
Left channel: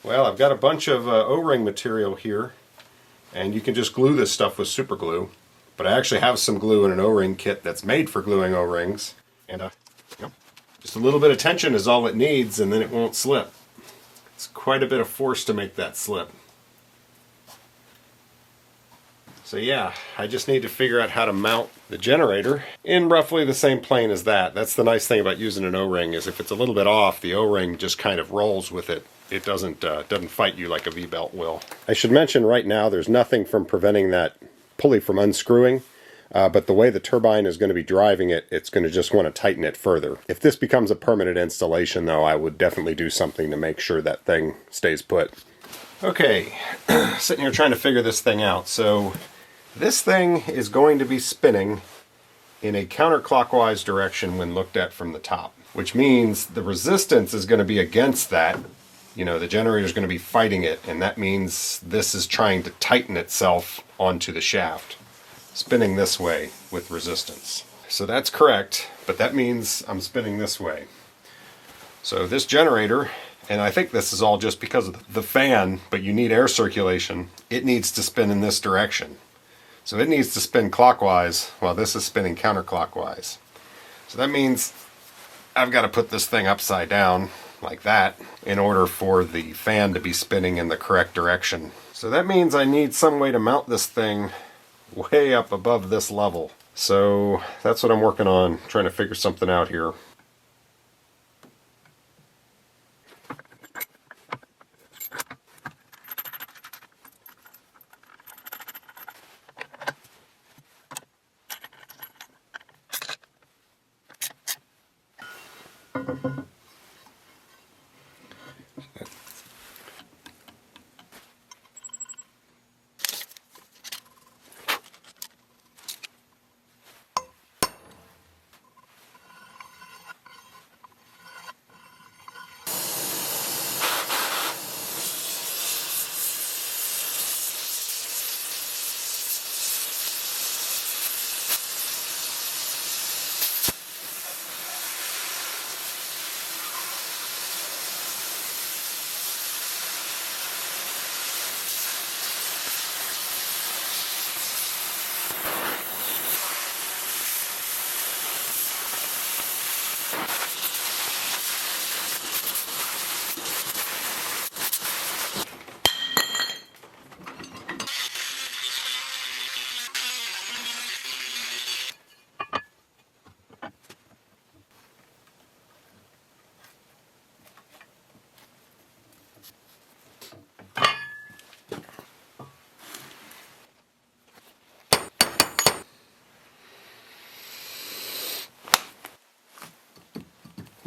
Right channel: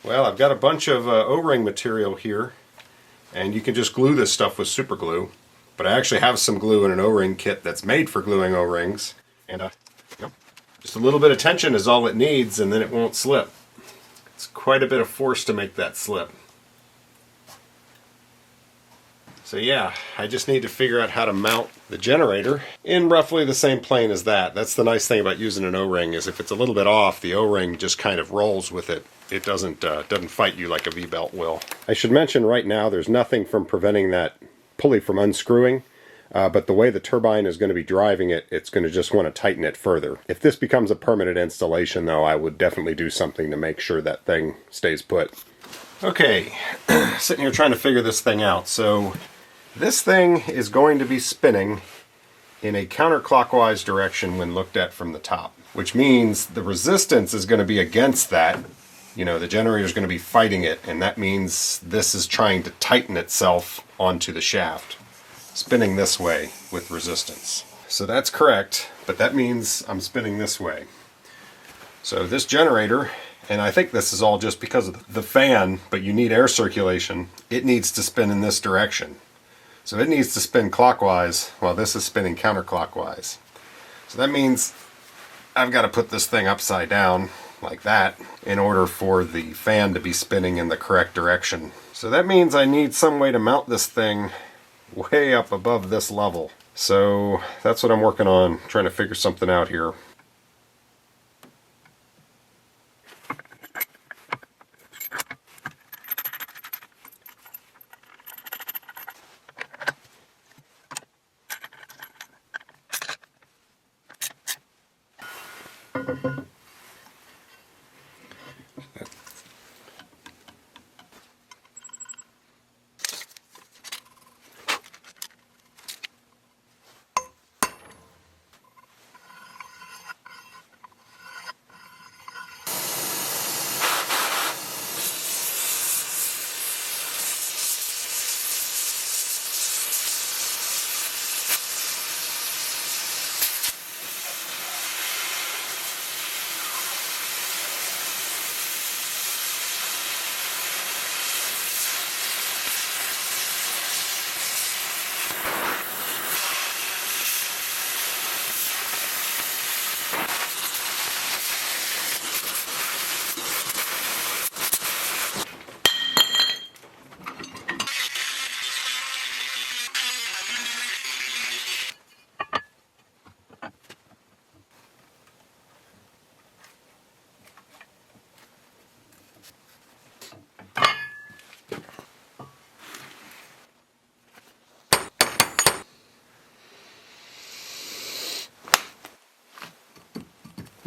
Well, I've got a bunch of O-ring material here, and you can just glue this stuff with super glue. But I actually have some glue in an O-ring kit that's made for gluing O-rings. And just a little bit of tension is all it needs, and then it won't slip. It's quite a bit of force to make that slip. So yeah, I just need to figure out how to mount the generator in roughly the same plane as that. That's the nice thing about using an O-ring, is if it's a little bit off, the O-ring just kind of rolls with it. It doesn't fight you like a V-belt will. I should mention right now, there's nothing from preventing that pulley from unscrewing, but the way the turbine is going to be driving it, it's going to just want to tighten it further. If this becomes a permanent installation though, I would definitely do something to make sure that thing stays put. Okay, sitting here trying to figure this thing out. So this thing is going to be spinning in a counterclockwise direction when looked at from the top, which means the resistance is going to be against that. You know, the generator is going to be fighting it, and that means this is trying to tighten itself onto the shaft, spinning this way with resistance. So that's correct, but that means I'm spinning this way. So this generator, and I think this is all just because of the fan, but you need air circulation, it needs to spin in this direction. So it needs to spin clockwise while this is spinning counterclockwise. So that means I've got to put this thing upside down like that in order for the fan to be spinning in the correct direction. So that means I need some way to mount this thing way up above this level. So that's what I'm working on, trying to figure something out here.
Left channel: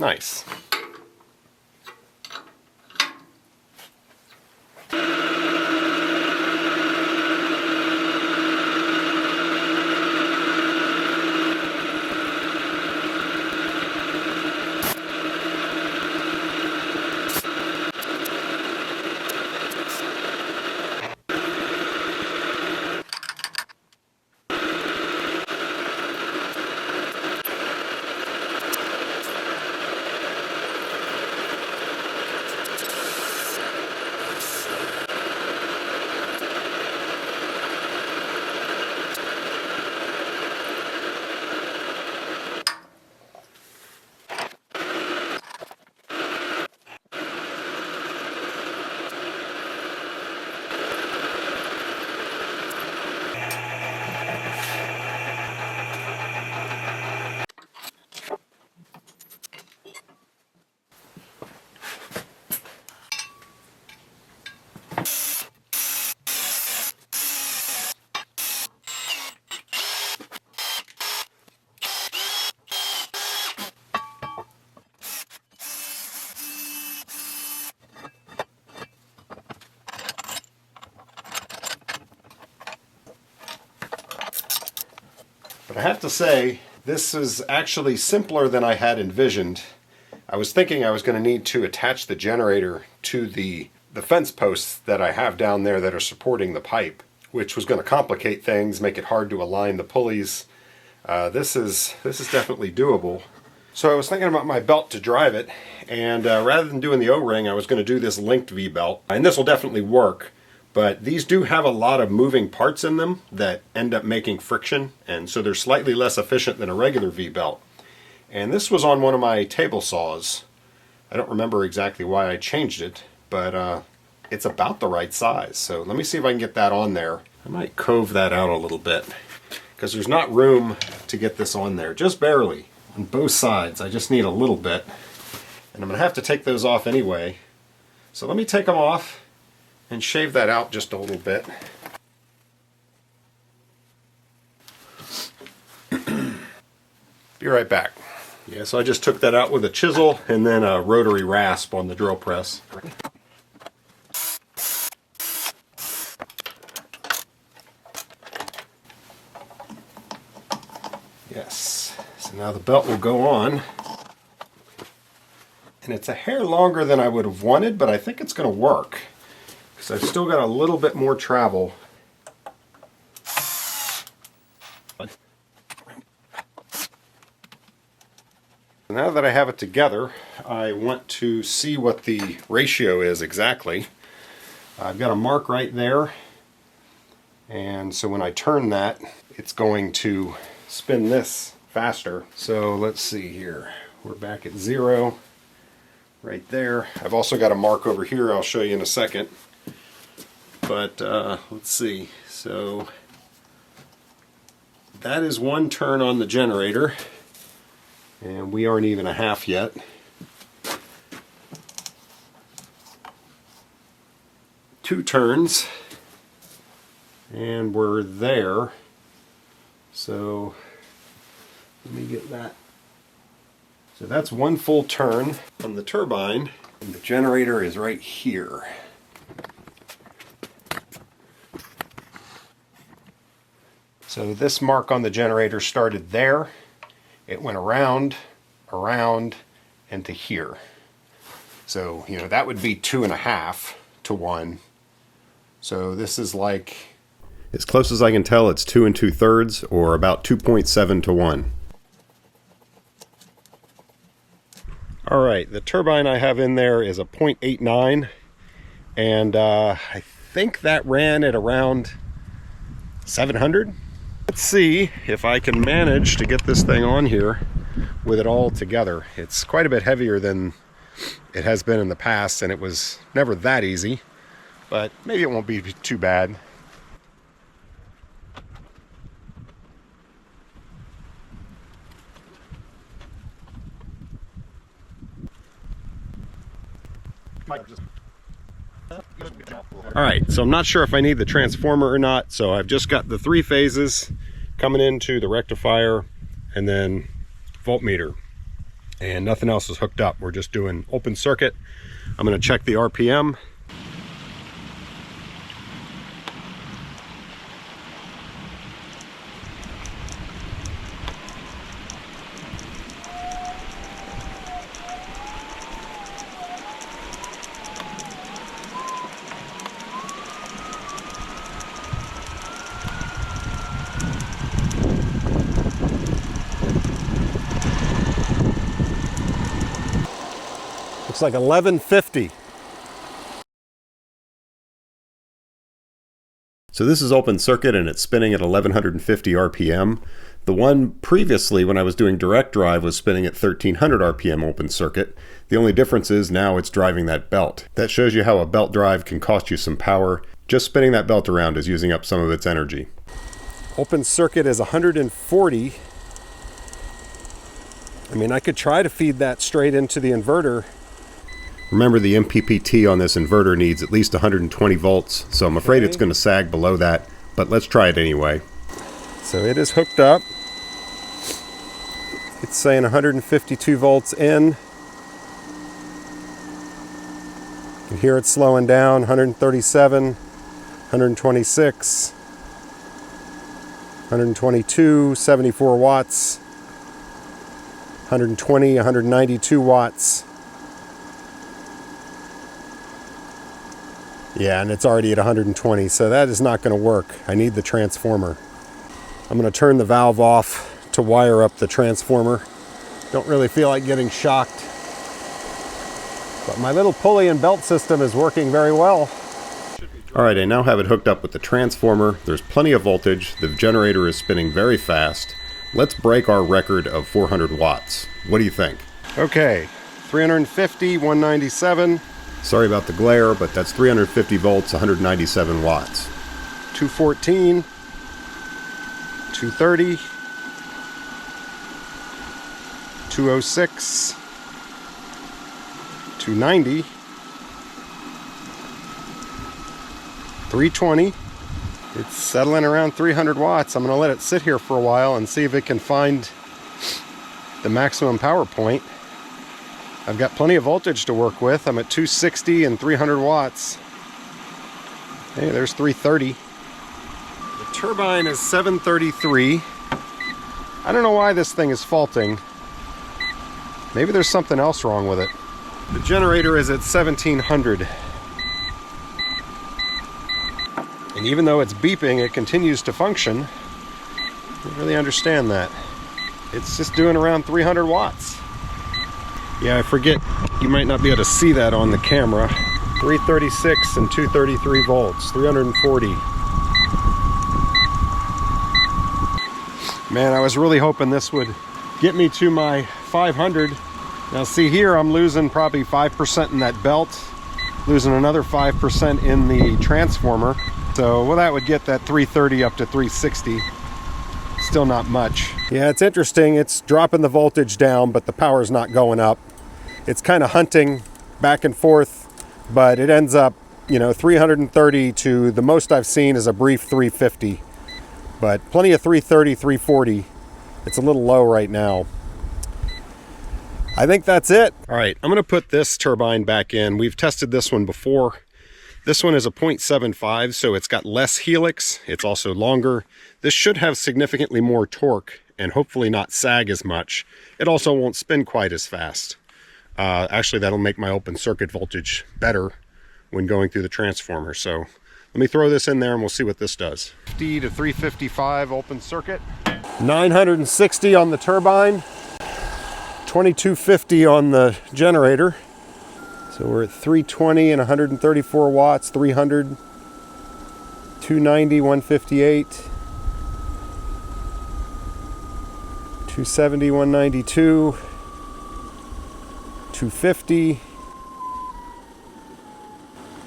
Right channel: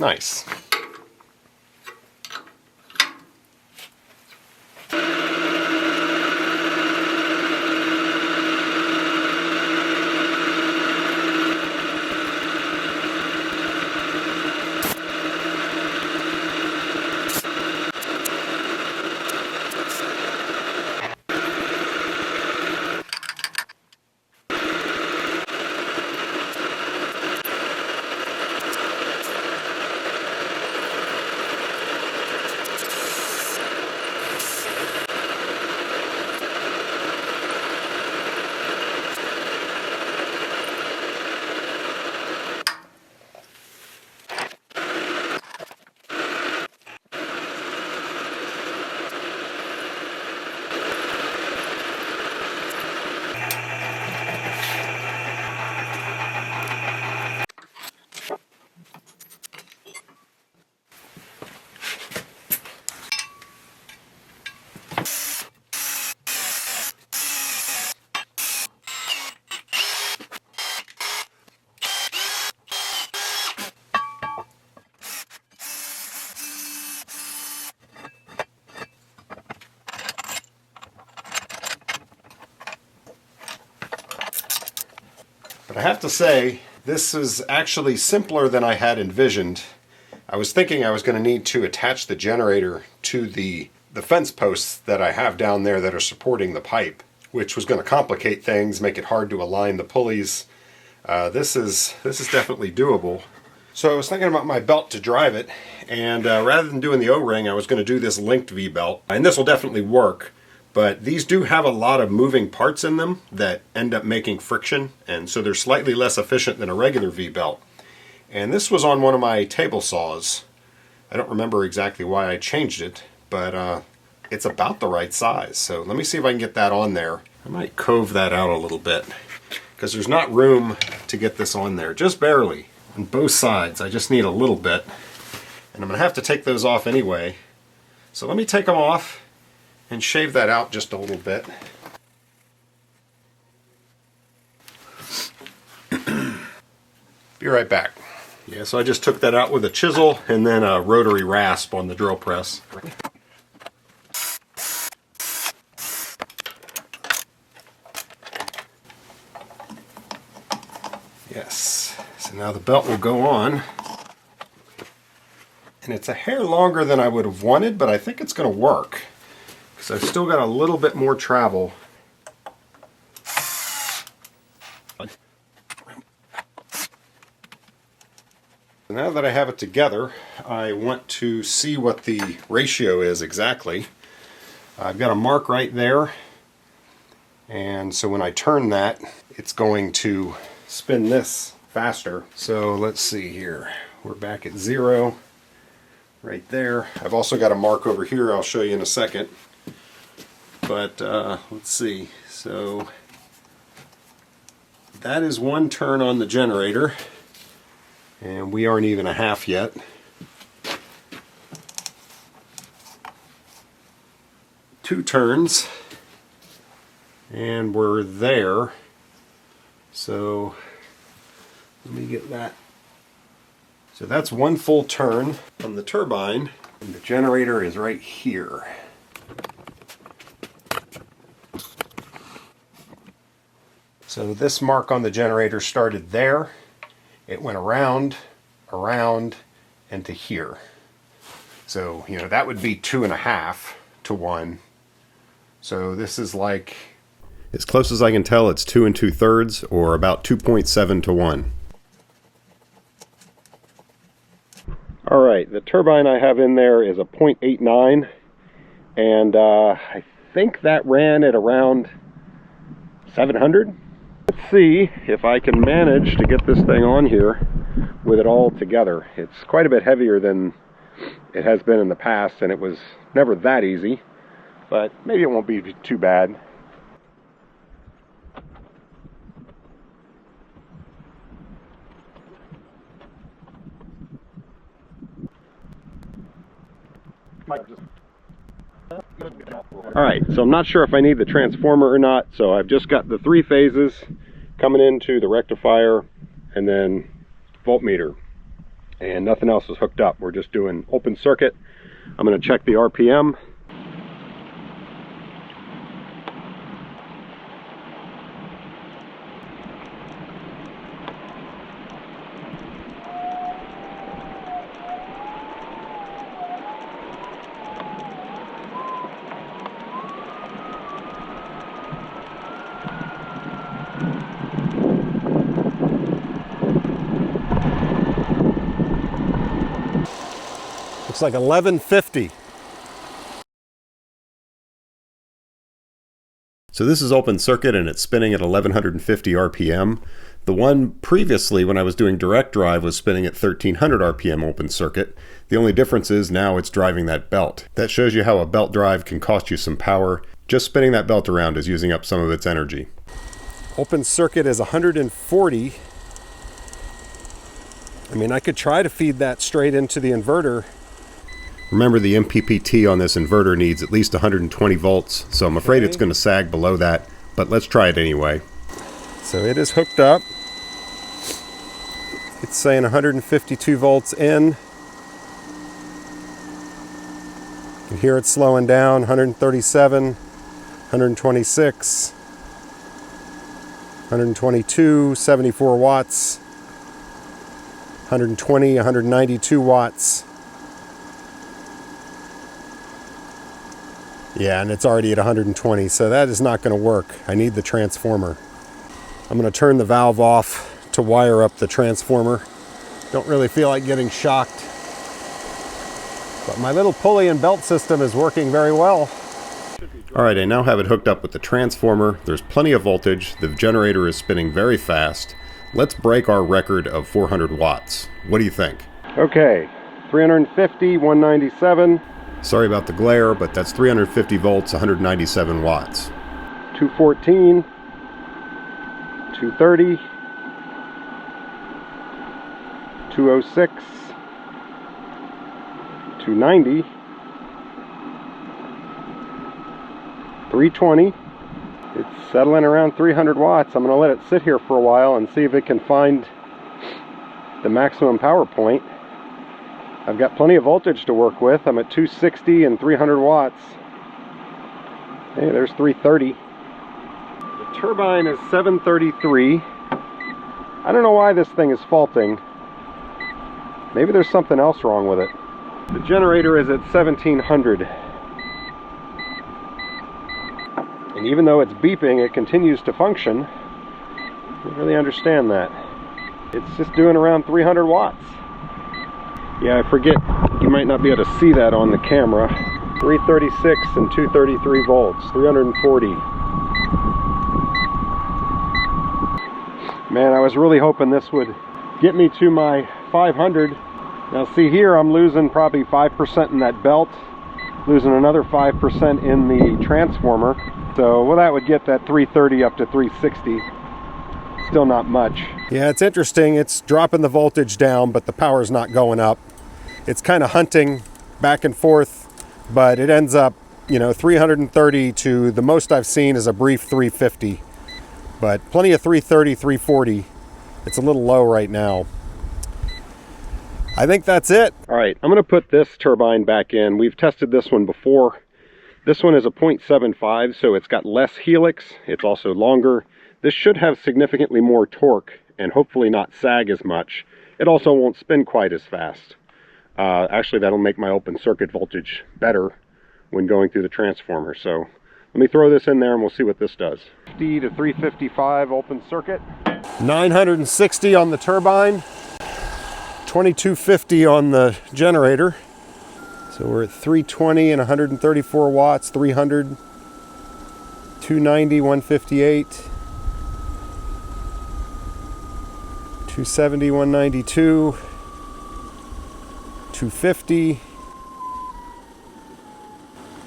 Nice. But I have to say, this is actually simpler than I had envisioned. I was thinking I was going to need to attach the generator to the fence posts that I have down there that are supporting the pipe. which was going to complicate things, make it hard to align the pulleys. This is definitely doable. So I was thinking about my belt to drive it, and rather than doing the O-ring, I was going to do this linked V-belt. And this will definitely work, but these do have a lot of moving parts in them that end up making friction, and so they're slightly less efficient than a regular V-belt. And this was on one of my table saws. I don't remember exactly why I changed it, but it's about the right size. So let me see if I can get that on there. I might cove that out a little bit, because there's not room to get this on there, just barely. On both sides, I just need a little bit. And I'm going to have to take those off anyway. So let me take them off and shave that out just a little bit. Be right back. Yeah, so I just took that out with a chisel and then a rotary rasp on the drill press. Yes, so now the belt will go on. And it's a hair longer than I would have wanted, but I think it's going to work, because I've still got a little bit more travel. Now that I have it together, I want to see what the ratio is exactly. I've got a mark right there, and so when I turn that, it's going to spin this faster. So let's see here. We're back at 0 right there. I've also got a mark over here I'll show you in a second. But let's see. So that is 1 turn on the generator. And we aren't even a half yet. Two turns. And we're there. So let me get that. So that's 1 full turn on the turbine. And the generator is right here. So this mark on the generator started there. It went around, and to here. So, you know, that would be 2.5 to 1. So this is like, as close as I can tell, it's 2 2/3, or about 2.7 to 1. All right, the turbine I have in there is a 0.89, and I think that ran at around 700. Let's see if I can manage to get this thing on here with it all together. It's quite a bit heavier than it has been in the past, and it was never that easy, but maybe it won't be too bad. Alright, so I'm not sure if I need the transformer or not, so I've just got the 3 phases coming into the rectifier and then voltmeter, and nothing else is hooked up. We're just doing open circuit. I'm going to check the RPM. Looks like 1150. So this is open circuit and it's spinning at 1150 RPM. The one previously when I was doing direct drive was spinning at 1300 RPM open circuit. The only difference is now it's driving that belt. That shows you how a belt drive can cost you some power. Just spinning that belt around is using up some of its energy. Open circuit is 140. I mean, I could try to feed that straight into the inverter. Remember, the MPPT on this inverter needs at least 120 volts, so I'm afraid it's going to sag below that, but let's try it anyway. So it is hooked up. It's saying 152 volts in. You can hear it slowing down, 137, 126, 122, 74 watts, 120, 192 watts. Yeah, and it's already at 120, so that is not going to work. I need the transformer. I'm going to turn the valve off to wire up the transformer. Don't really feel like getting shocked. But my little pulley and belt system is working very well. Alright, I now have it hooked up with the transformer. There's plenty of voltage. The generator is spinning very fast. Let's break our record of 400 watts. What do you think? Okay, 350, 197. Sorry about the glare, but that's 350 volts, 197 watts. 214, 230, 206, 290, 320. It's settling around 300 watts. I'm going to let it sit here for a while and see if it can find the maximum power point. I've got plenty of voltage to work with. I'm at 260 and 300 watts. Hey, there's 330. The turbine is 733. I don't know why this thing is faulting. Maybe there's something else wrong with it. The generator is at 1700. And even though it's beeping, it continues to function. I don't really understand that. It's just doing around 300 watts. Yeah, I forget, you might not be able to see that on the camera. 336 and 233 volts, 340. Man, I was really hoping this would get me to my 500. Now see here, I'm losing probably 5% in that belt, losing another 5% in the transformer. So, well, that would get that 330 up to 360. Still not much. Yeah, it's interesting. It's dropping the voltage down, but the power's not going up. It's kind of hunting back and forth, but it ends up, 330 to the most I've seen is a brief 350. But plenty of 330, 340. It's a little low right now. I think that's it. All right, I'm going to put this turbine back in. We've tested this one before. This one is a 0.75, so it's got less helix. It's also longer. This should have significantly more torque and hopefully not sag as much. It also won't spin quite as fast. Actually, that'll make my open circuit voltage better when going through the transformer. So let me throw this in there and we'll see what this does. 50 to 355 open circuit. 960 on the turbine. 2250 on the generator. So we're at 320 and 134 watts, 300, 290, 158, 270, 192, 250.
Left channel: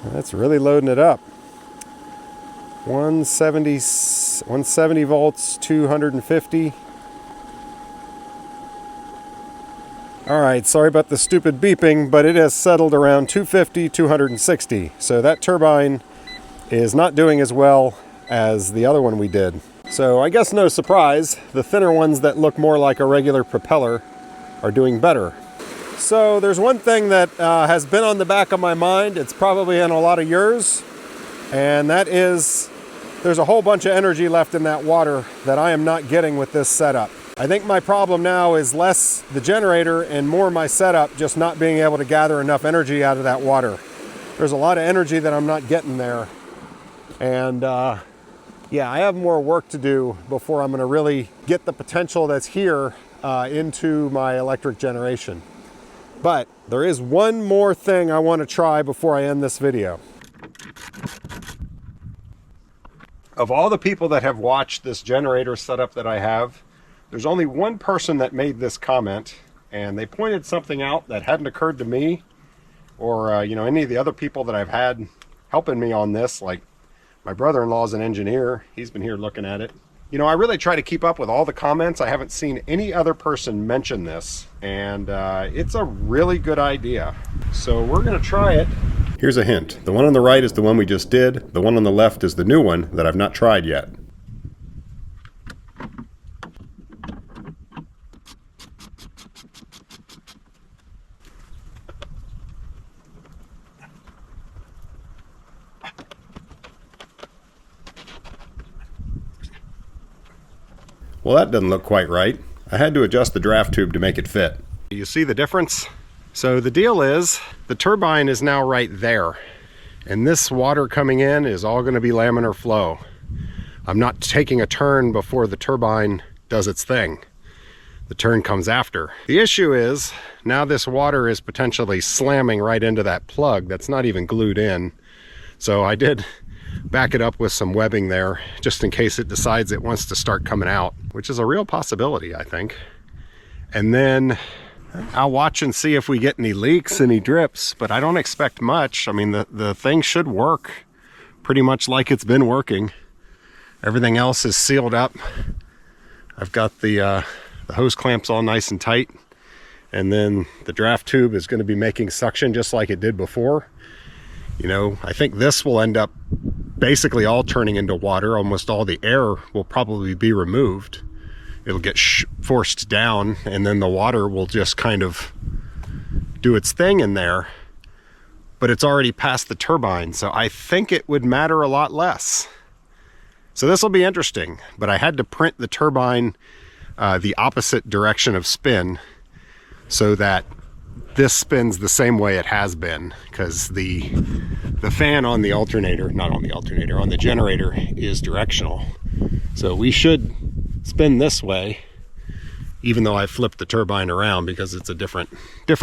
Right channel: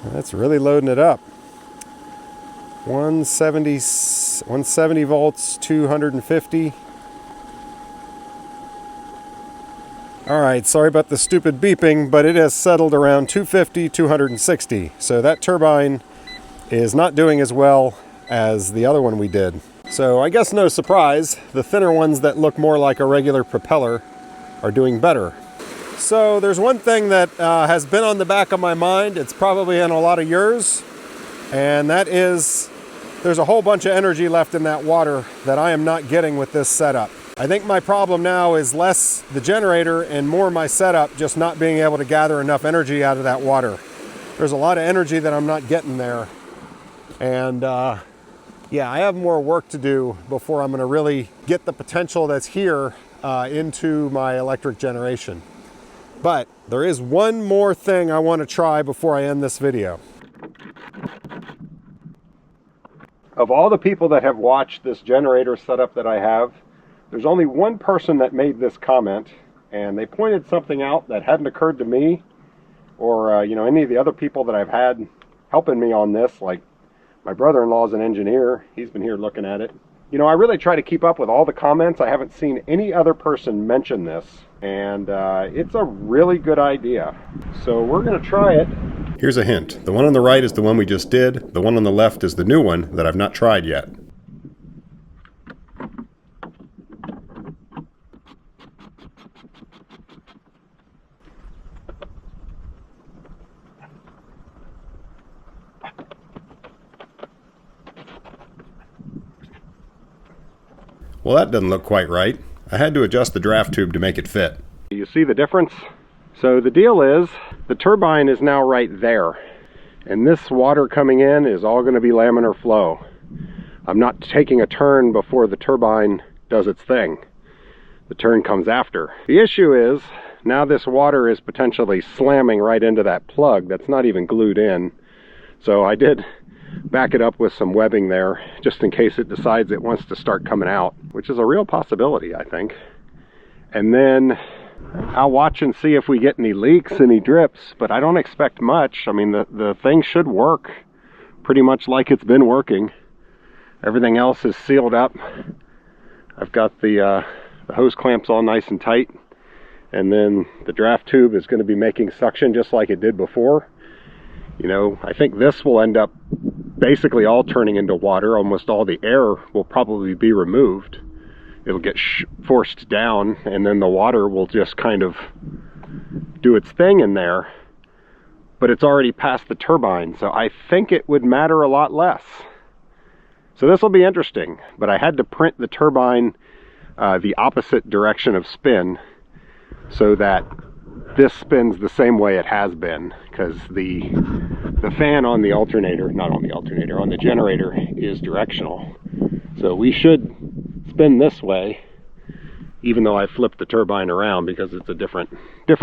That's really loading it up. 170 volts, 250. Alright, sorry about the stupid beeping, but it has settled around 250, 260. So that turbine is not doing as well as the other one we did. So I guess no surprise, the thinner ones that look more like a regular propeller are doing better. So there's one thing that has been on the back of my mind. It's probably in a lot of yours, and that is there's a whole bunch of energy left in that water that I am not getting with this setup. I think my problem now is less the generator and more my setup just not being able to gather enough energy out of that water. There's a lot of energy that I'm not getting there. And yeah, I have more work to do before I'm going to really get the potential that's here into my electric generation. But there is one more thing I want to try before I end this video. Of all the people that have watched this generator setup that I have, there's only one person that made this comment, and they pointed something out that hadn't occurred to me or any of the other people that I've had helping me on this. Like my brother-in-law is an engineer. He's been here looking at it. I really try to keep up with all the comments. I haven't seen any other person mention this, and it's a really good idea. So we're going to try it. Here's a hint. The one on the right is the one we just did. The one on the left is the new one that I've not tried yet. Well, that doesn't look quite right. I had to adjust the draft tube to make it fit. You see the difference? So the deal is, the turbine is now right there. And this water coming in is all going to be laminar flow. I'm not taking a turn before the turbine does its thing. The turn comes after. The issue is, now this water is potentially slamming right into that plug that's not even glued in. So I did back it up with some webbing there, just in case it decides it wants to start coming out, which is a real possibility, I think. And then I'll watch and see if we get any leaks, any drips, but I don't expect much. I mean, the thing should work pretty much like it's been working. Everything else is sealed up. I've got the hose clamps all nice and tight, and then the draft tube is going to be making suction just like it did before. You know, I think this will end up basically all turning into water. Almost all the air will probably be removed. It'll get forced down, and then the water will just kind of do its thing in there. But it's already past the turbine, so I think it would matter a lot less. So this will be interesting, but I had to print the turbine the opposite direction of spin so that this spins the same way it has been, because the fan on the alternator, not on the alternator, on the generator is directional. So we should spin this way, even though I flipped the turbine around because it's a different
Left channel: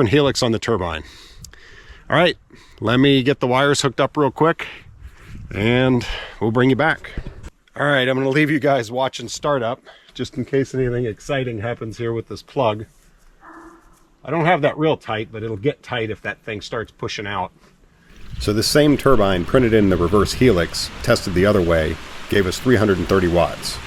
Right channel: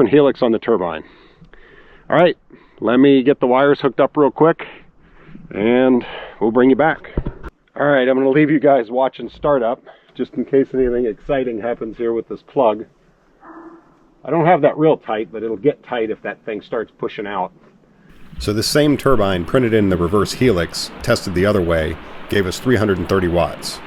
helix on the turbine. All right, let me get the wires hooked up real quick and we'll bring you back. All right, I'm gonna leave you guys watching startup just in case anything exciting happens here with this plug. I don't have that real tight, but it'll get tight if that thing starts pushing out. So the same turbine printed in the reverse helix, tested the other way, gave us 330 watts.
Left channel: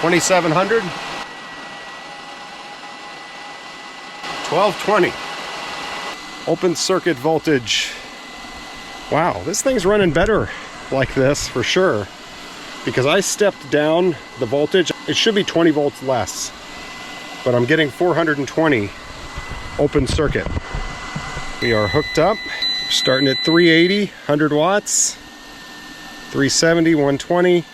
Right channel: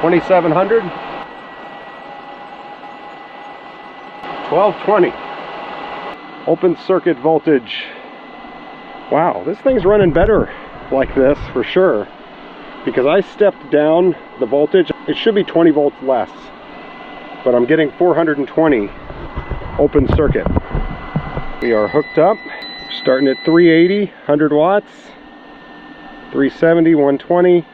$2,700, 1220. Open circuit voltage. Wow, this thing's running better like this for sure, because I stepped down the voltage. It should be 20 volts less, but I'm getting 420 open circuit. We are hooked up, starting at 380, 100 watts, 370, 120,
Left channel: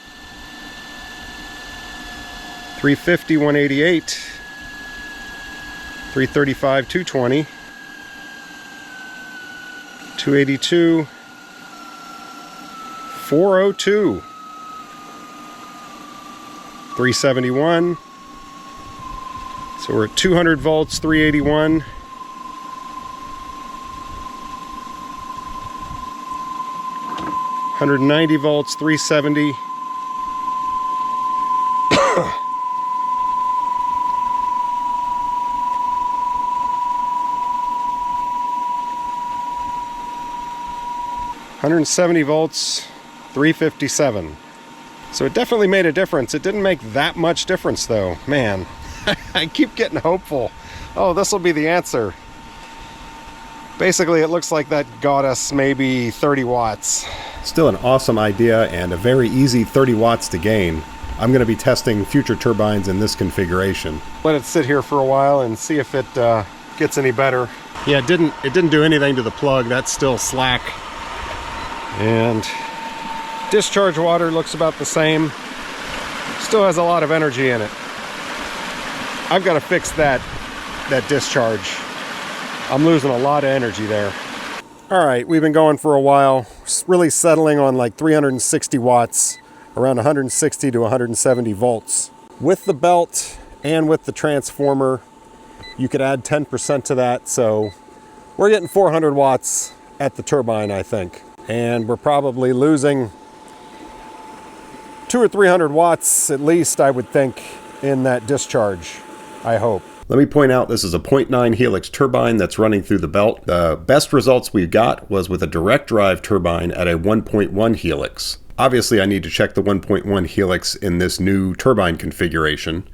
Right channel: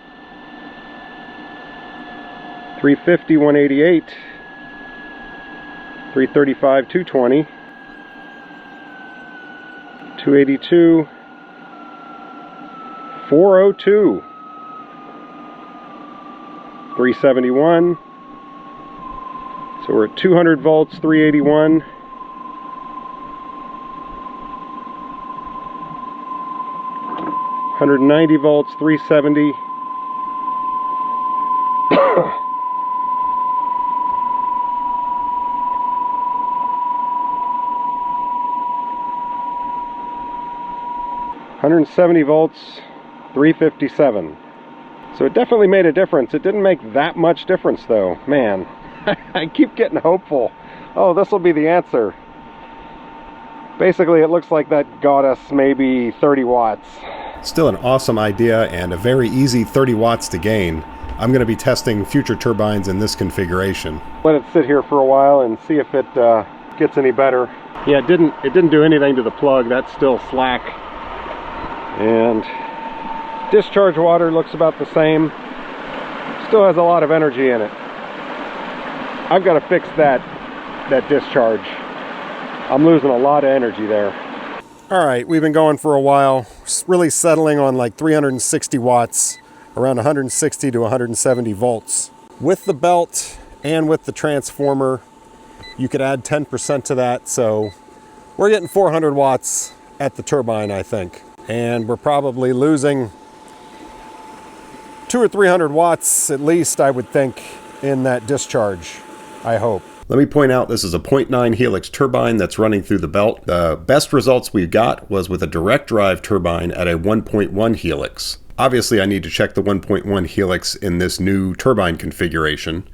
350, 188, 335, 220, 282, 402, 371. So we're at 200 volts, 381. 190 volts, 370. 170 volts, 357. So it definitely made a difference. It didn't make that much difference though. Man, I keep getting hopeful. Oh, this will be the answer. Basically, it looks like that got us maybe 30 watts. Still an awesome idea and a very easy 30 watts to gain. I'm going to be testing future turbines in this configuration. Let it sit here for a while and see if it gets any better. Yeah, it didn't do anything to the plug. That's still slack. And discharge water looks about the same. Still has a lot of energy in it. I've got to fix that discharge. I'm losing a lot of energy there. All right, we've been going for a while, really settling on like 360 watts, around 160 to 170 volts. With the belt and with the transformer, you could add 10% to that, so we're getting 400 watts at the turbine, I think. And we're probably losing 200 or 300 watts at least, I would think, in that discharge, I hope. Let me point out this is a 0.9 helix turbine that's running through the belt. The best results we got was with a direct drive turbine at a 1.1 helix. Obviously, I need to check the 1.1 helix in this new turbine configuration.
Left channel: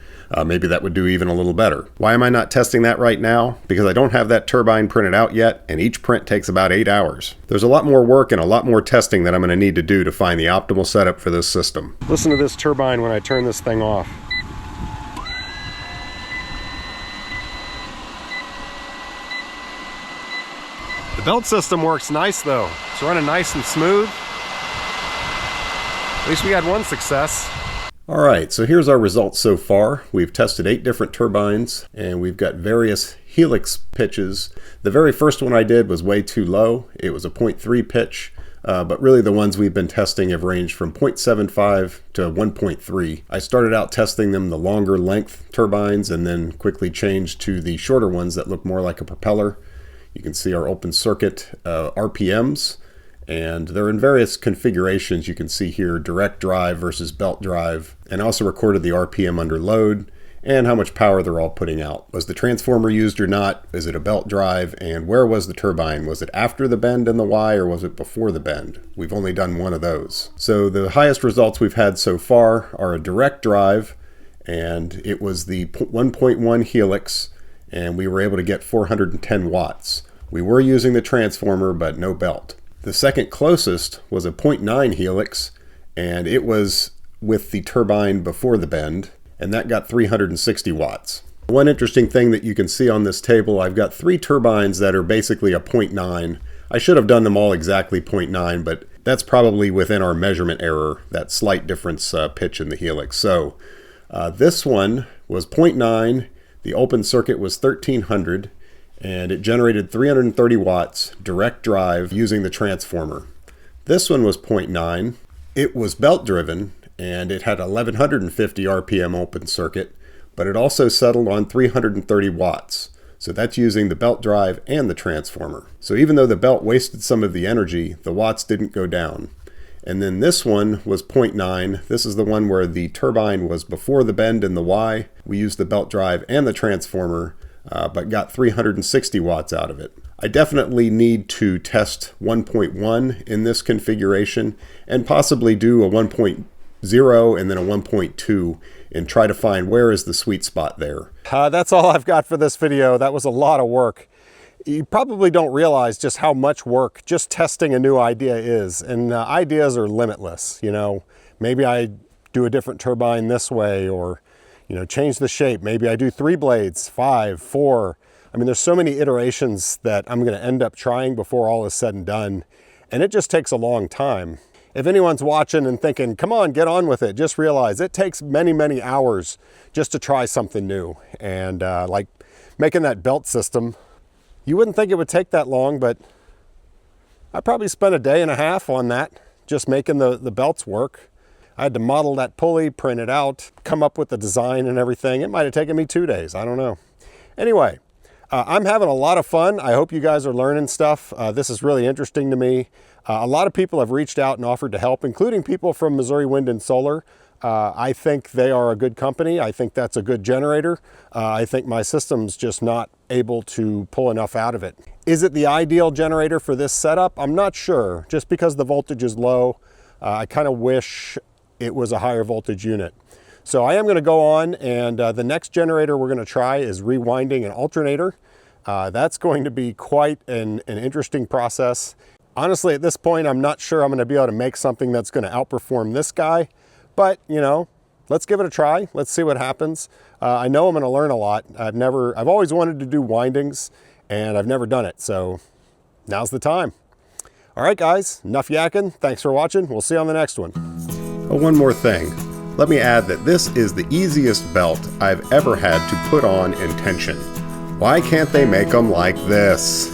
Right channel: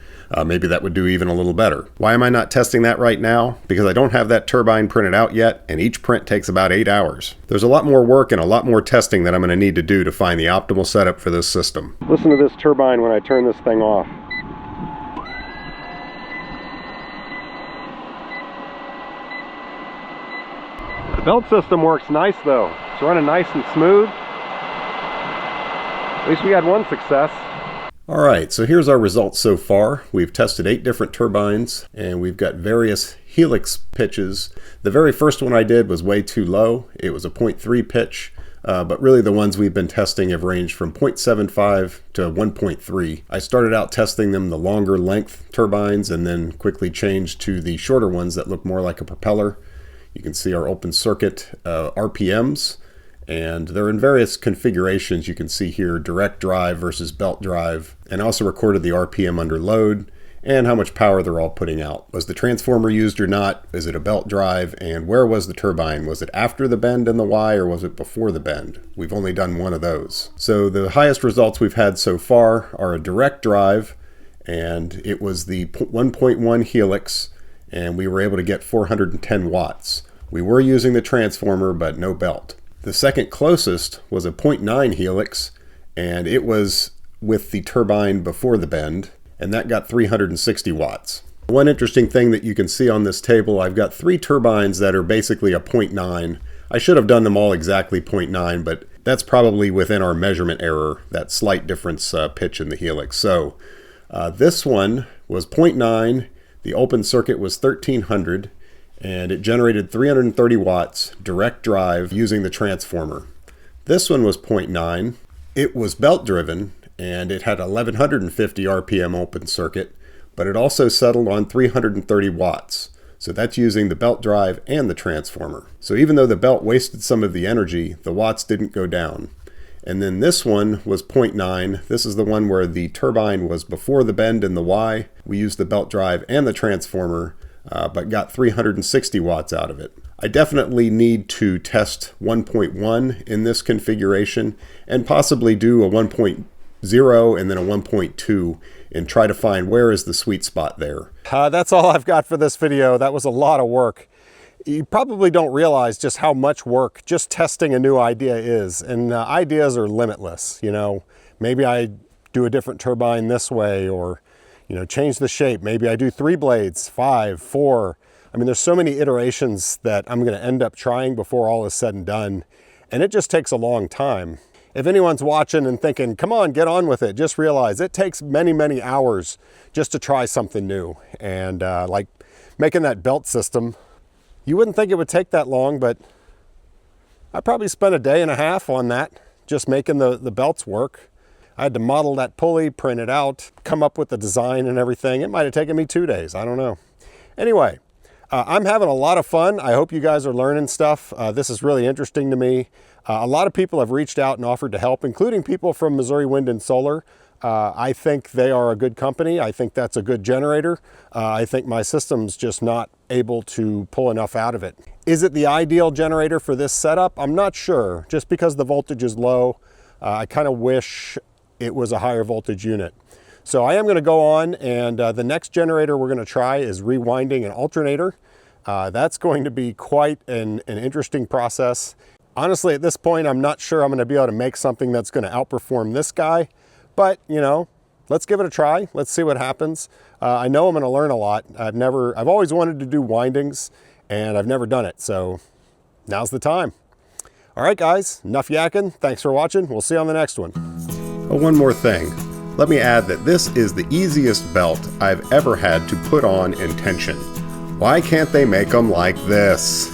Maybe that would do even a little better. Why am I not testing that right now? Because I don't have that turbine printed out yet, and each print takes about 8 hours. There's a lot more work and a lot more testing that I'm going to need to do to find the optimal setup for this system. Listen to this turbine when I turn this thing off. The belt system works nice though. It's running nice and smooth. At least we had one success. Alright, so here's our results so far. We've tested 8 different turbines and we've got various helix pitches. The very first one I did was way too low. It was a 0.3 pitch, but really the ones we've been testing have ranged from 0.75 to 1.3. I started out testing them the longer length turbines and then quickly changed to the shorter ones that look more like a propeller. You can see our open circuit RPMs. And they're in various configurations. You can see here direct drive versus belt drive, and also recorded the RPM under load and how much power they're all putting out. Was the transformer used or not? Is it a belt drive? And where was the turbine? Was it after the bend in the Y or was it before the bend? We've only done one of those. So the highest results we've had so far are a direct drive, and it was the 1.1 helix, and we were able to get 410 watts. We were using the transformer, but no belt. The second closest was a 0.9 helix, and it was with the turbine before the bend, and that got 360 watts. One interesting thing that you can see on this table, I've got 3 turbines that are basically a 0.9. I should have done them all exactly 0.9, but that's probably within our measurement error, that slight difference pitch in the helix. So this one was 0.9, the open circuit was 1300, and it generated 330 watts direct drive using the transformer. This one was 0.9. It was belt driven and it had 1150 RPM open circuit, but it also settled on 330 watts. So that's using the belt drive and the transformer. So even though the belt wasted some of the energy, the watts didn't go down. And then this one was 0.9. This is the one where the turbine was before the bend in the Y. We used the belt drive and the transformer, but got 360 watts out of it. I definitely need to test 1.1 in this configuration and possibly do a 1.0 and then a 1.2 and try to find where is the sweet spot there. That's all I've got for this video. That was a lot of work. You probably don't realize just how much work just testing a new idea is, and ideas are limitless. You know, maybe I do a different turbine this way, or change the shape. Maybe I do 3 blades, 5, 4. I mean, there's so many iterations that I'm going to end up trying before all is said and done. And it just takes a long time. If anyone's watching and thinking, come on, get on with it, just realize it takes many, many hours just to try something new. And like making that belt system, you wouldn't think it would take that long, but I probably spent a day and a half on that, just making the belts work. I had to model that pulley, print it out, come up with the design and everything. It might have taken me 2 days. I don't know. Anyway, I'm having a lot of fun. I hope you guys are learning stuff. This is really interesting to me. A lot of people have reached out and offered to help, including people from Missouri Wind and Solar. I think they are a good company. I think that's a good generator. I think my system's just not able to pull enough out of it. Is it the ideal generator for this setup? I'm not sure. Just because the voltage is low, I kind of wish it was a higher voltage unit. So I am going to go on, and the next generator we're going to try is rewinding an alternator. That's going to be quite an interesting process. Honestly, at this point, I'm not sure I'm going to be able to make something that's going to outperform this guy, but let's give it a try. Let's see what happens. I know I'm going to learn a lot. I've always wanted to do windings, and I've never done it. So now's the time. All right, guys, enough yakking. Thanks for watching. We'll see you on the next one. Oh, one more thing. Let me add that this is the easiest belt I've ever had to put on in tension. Why can't they make them like this?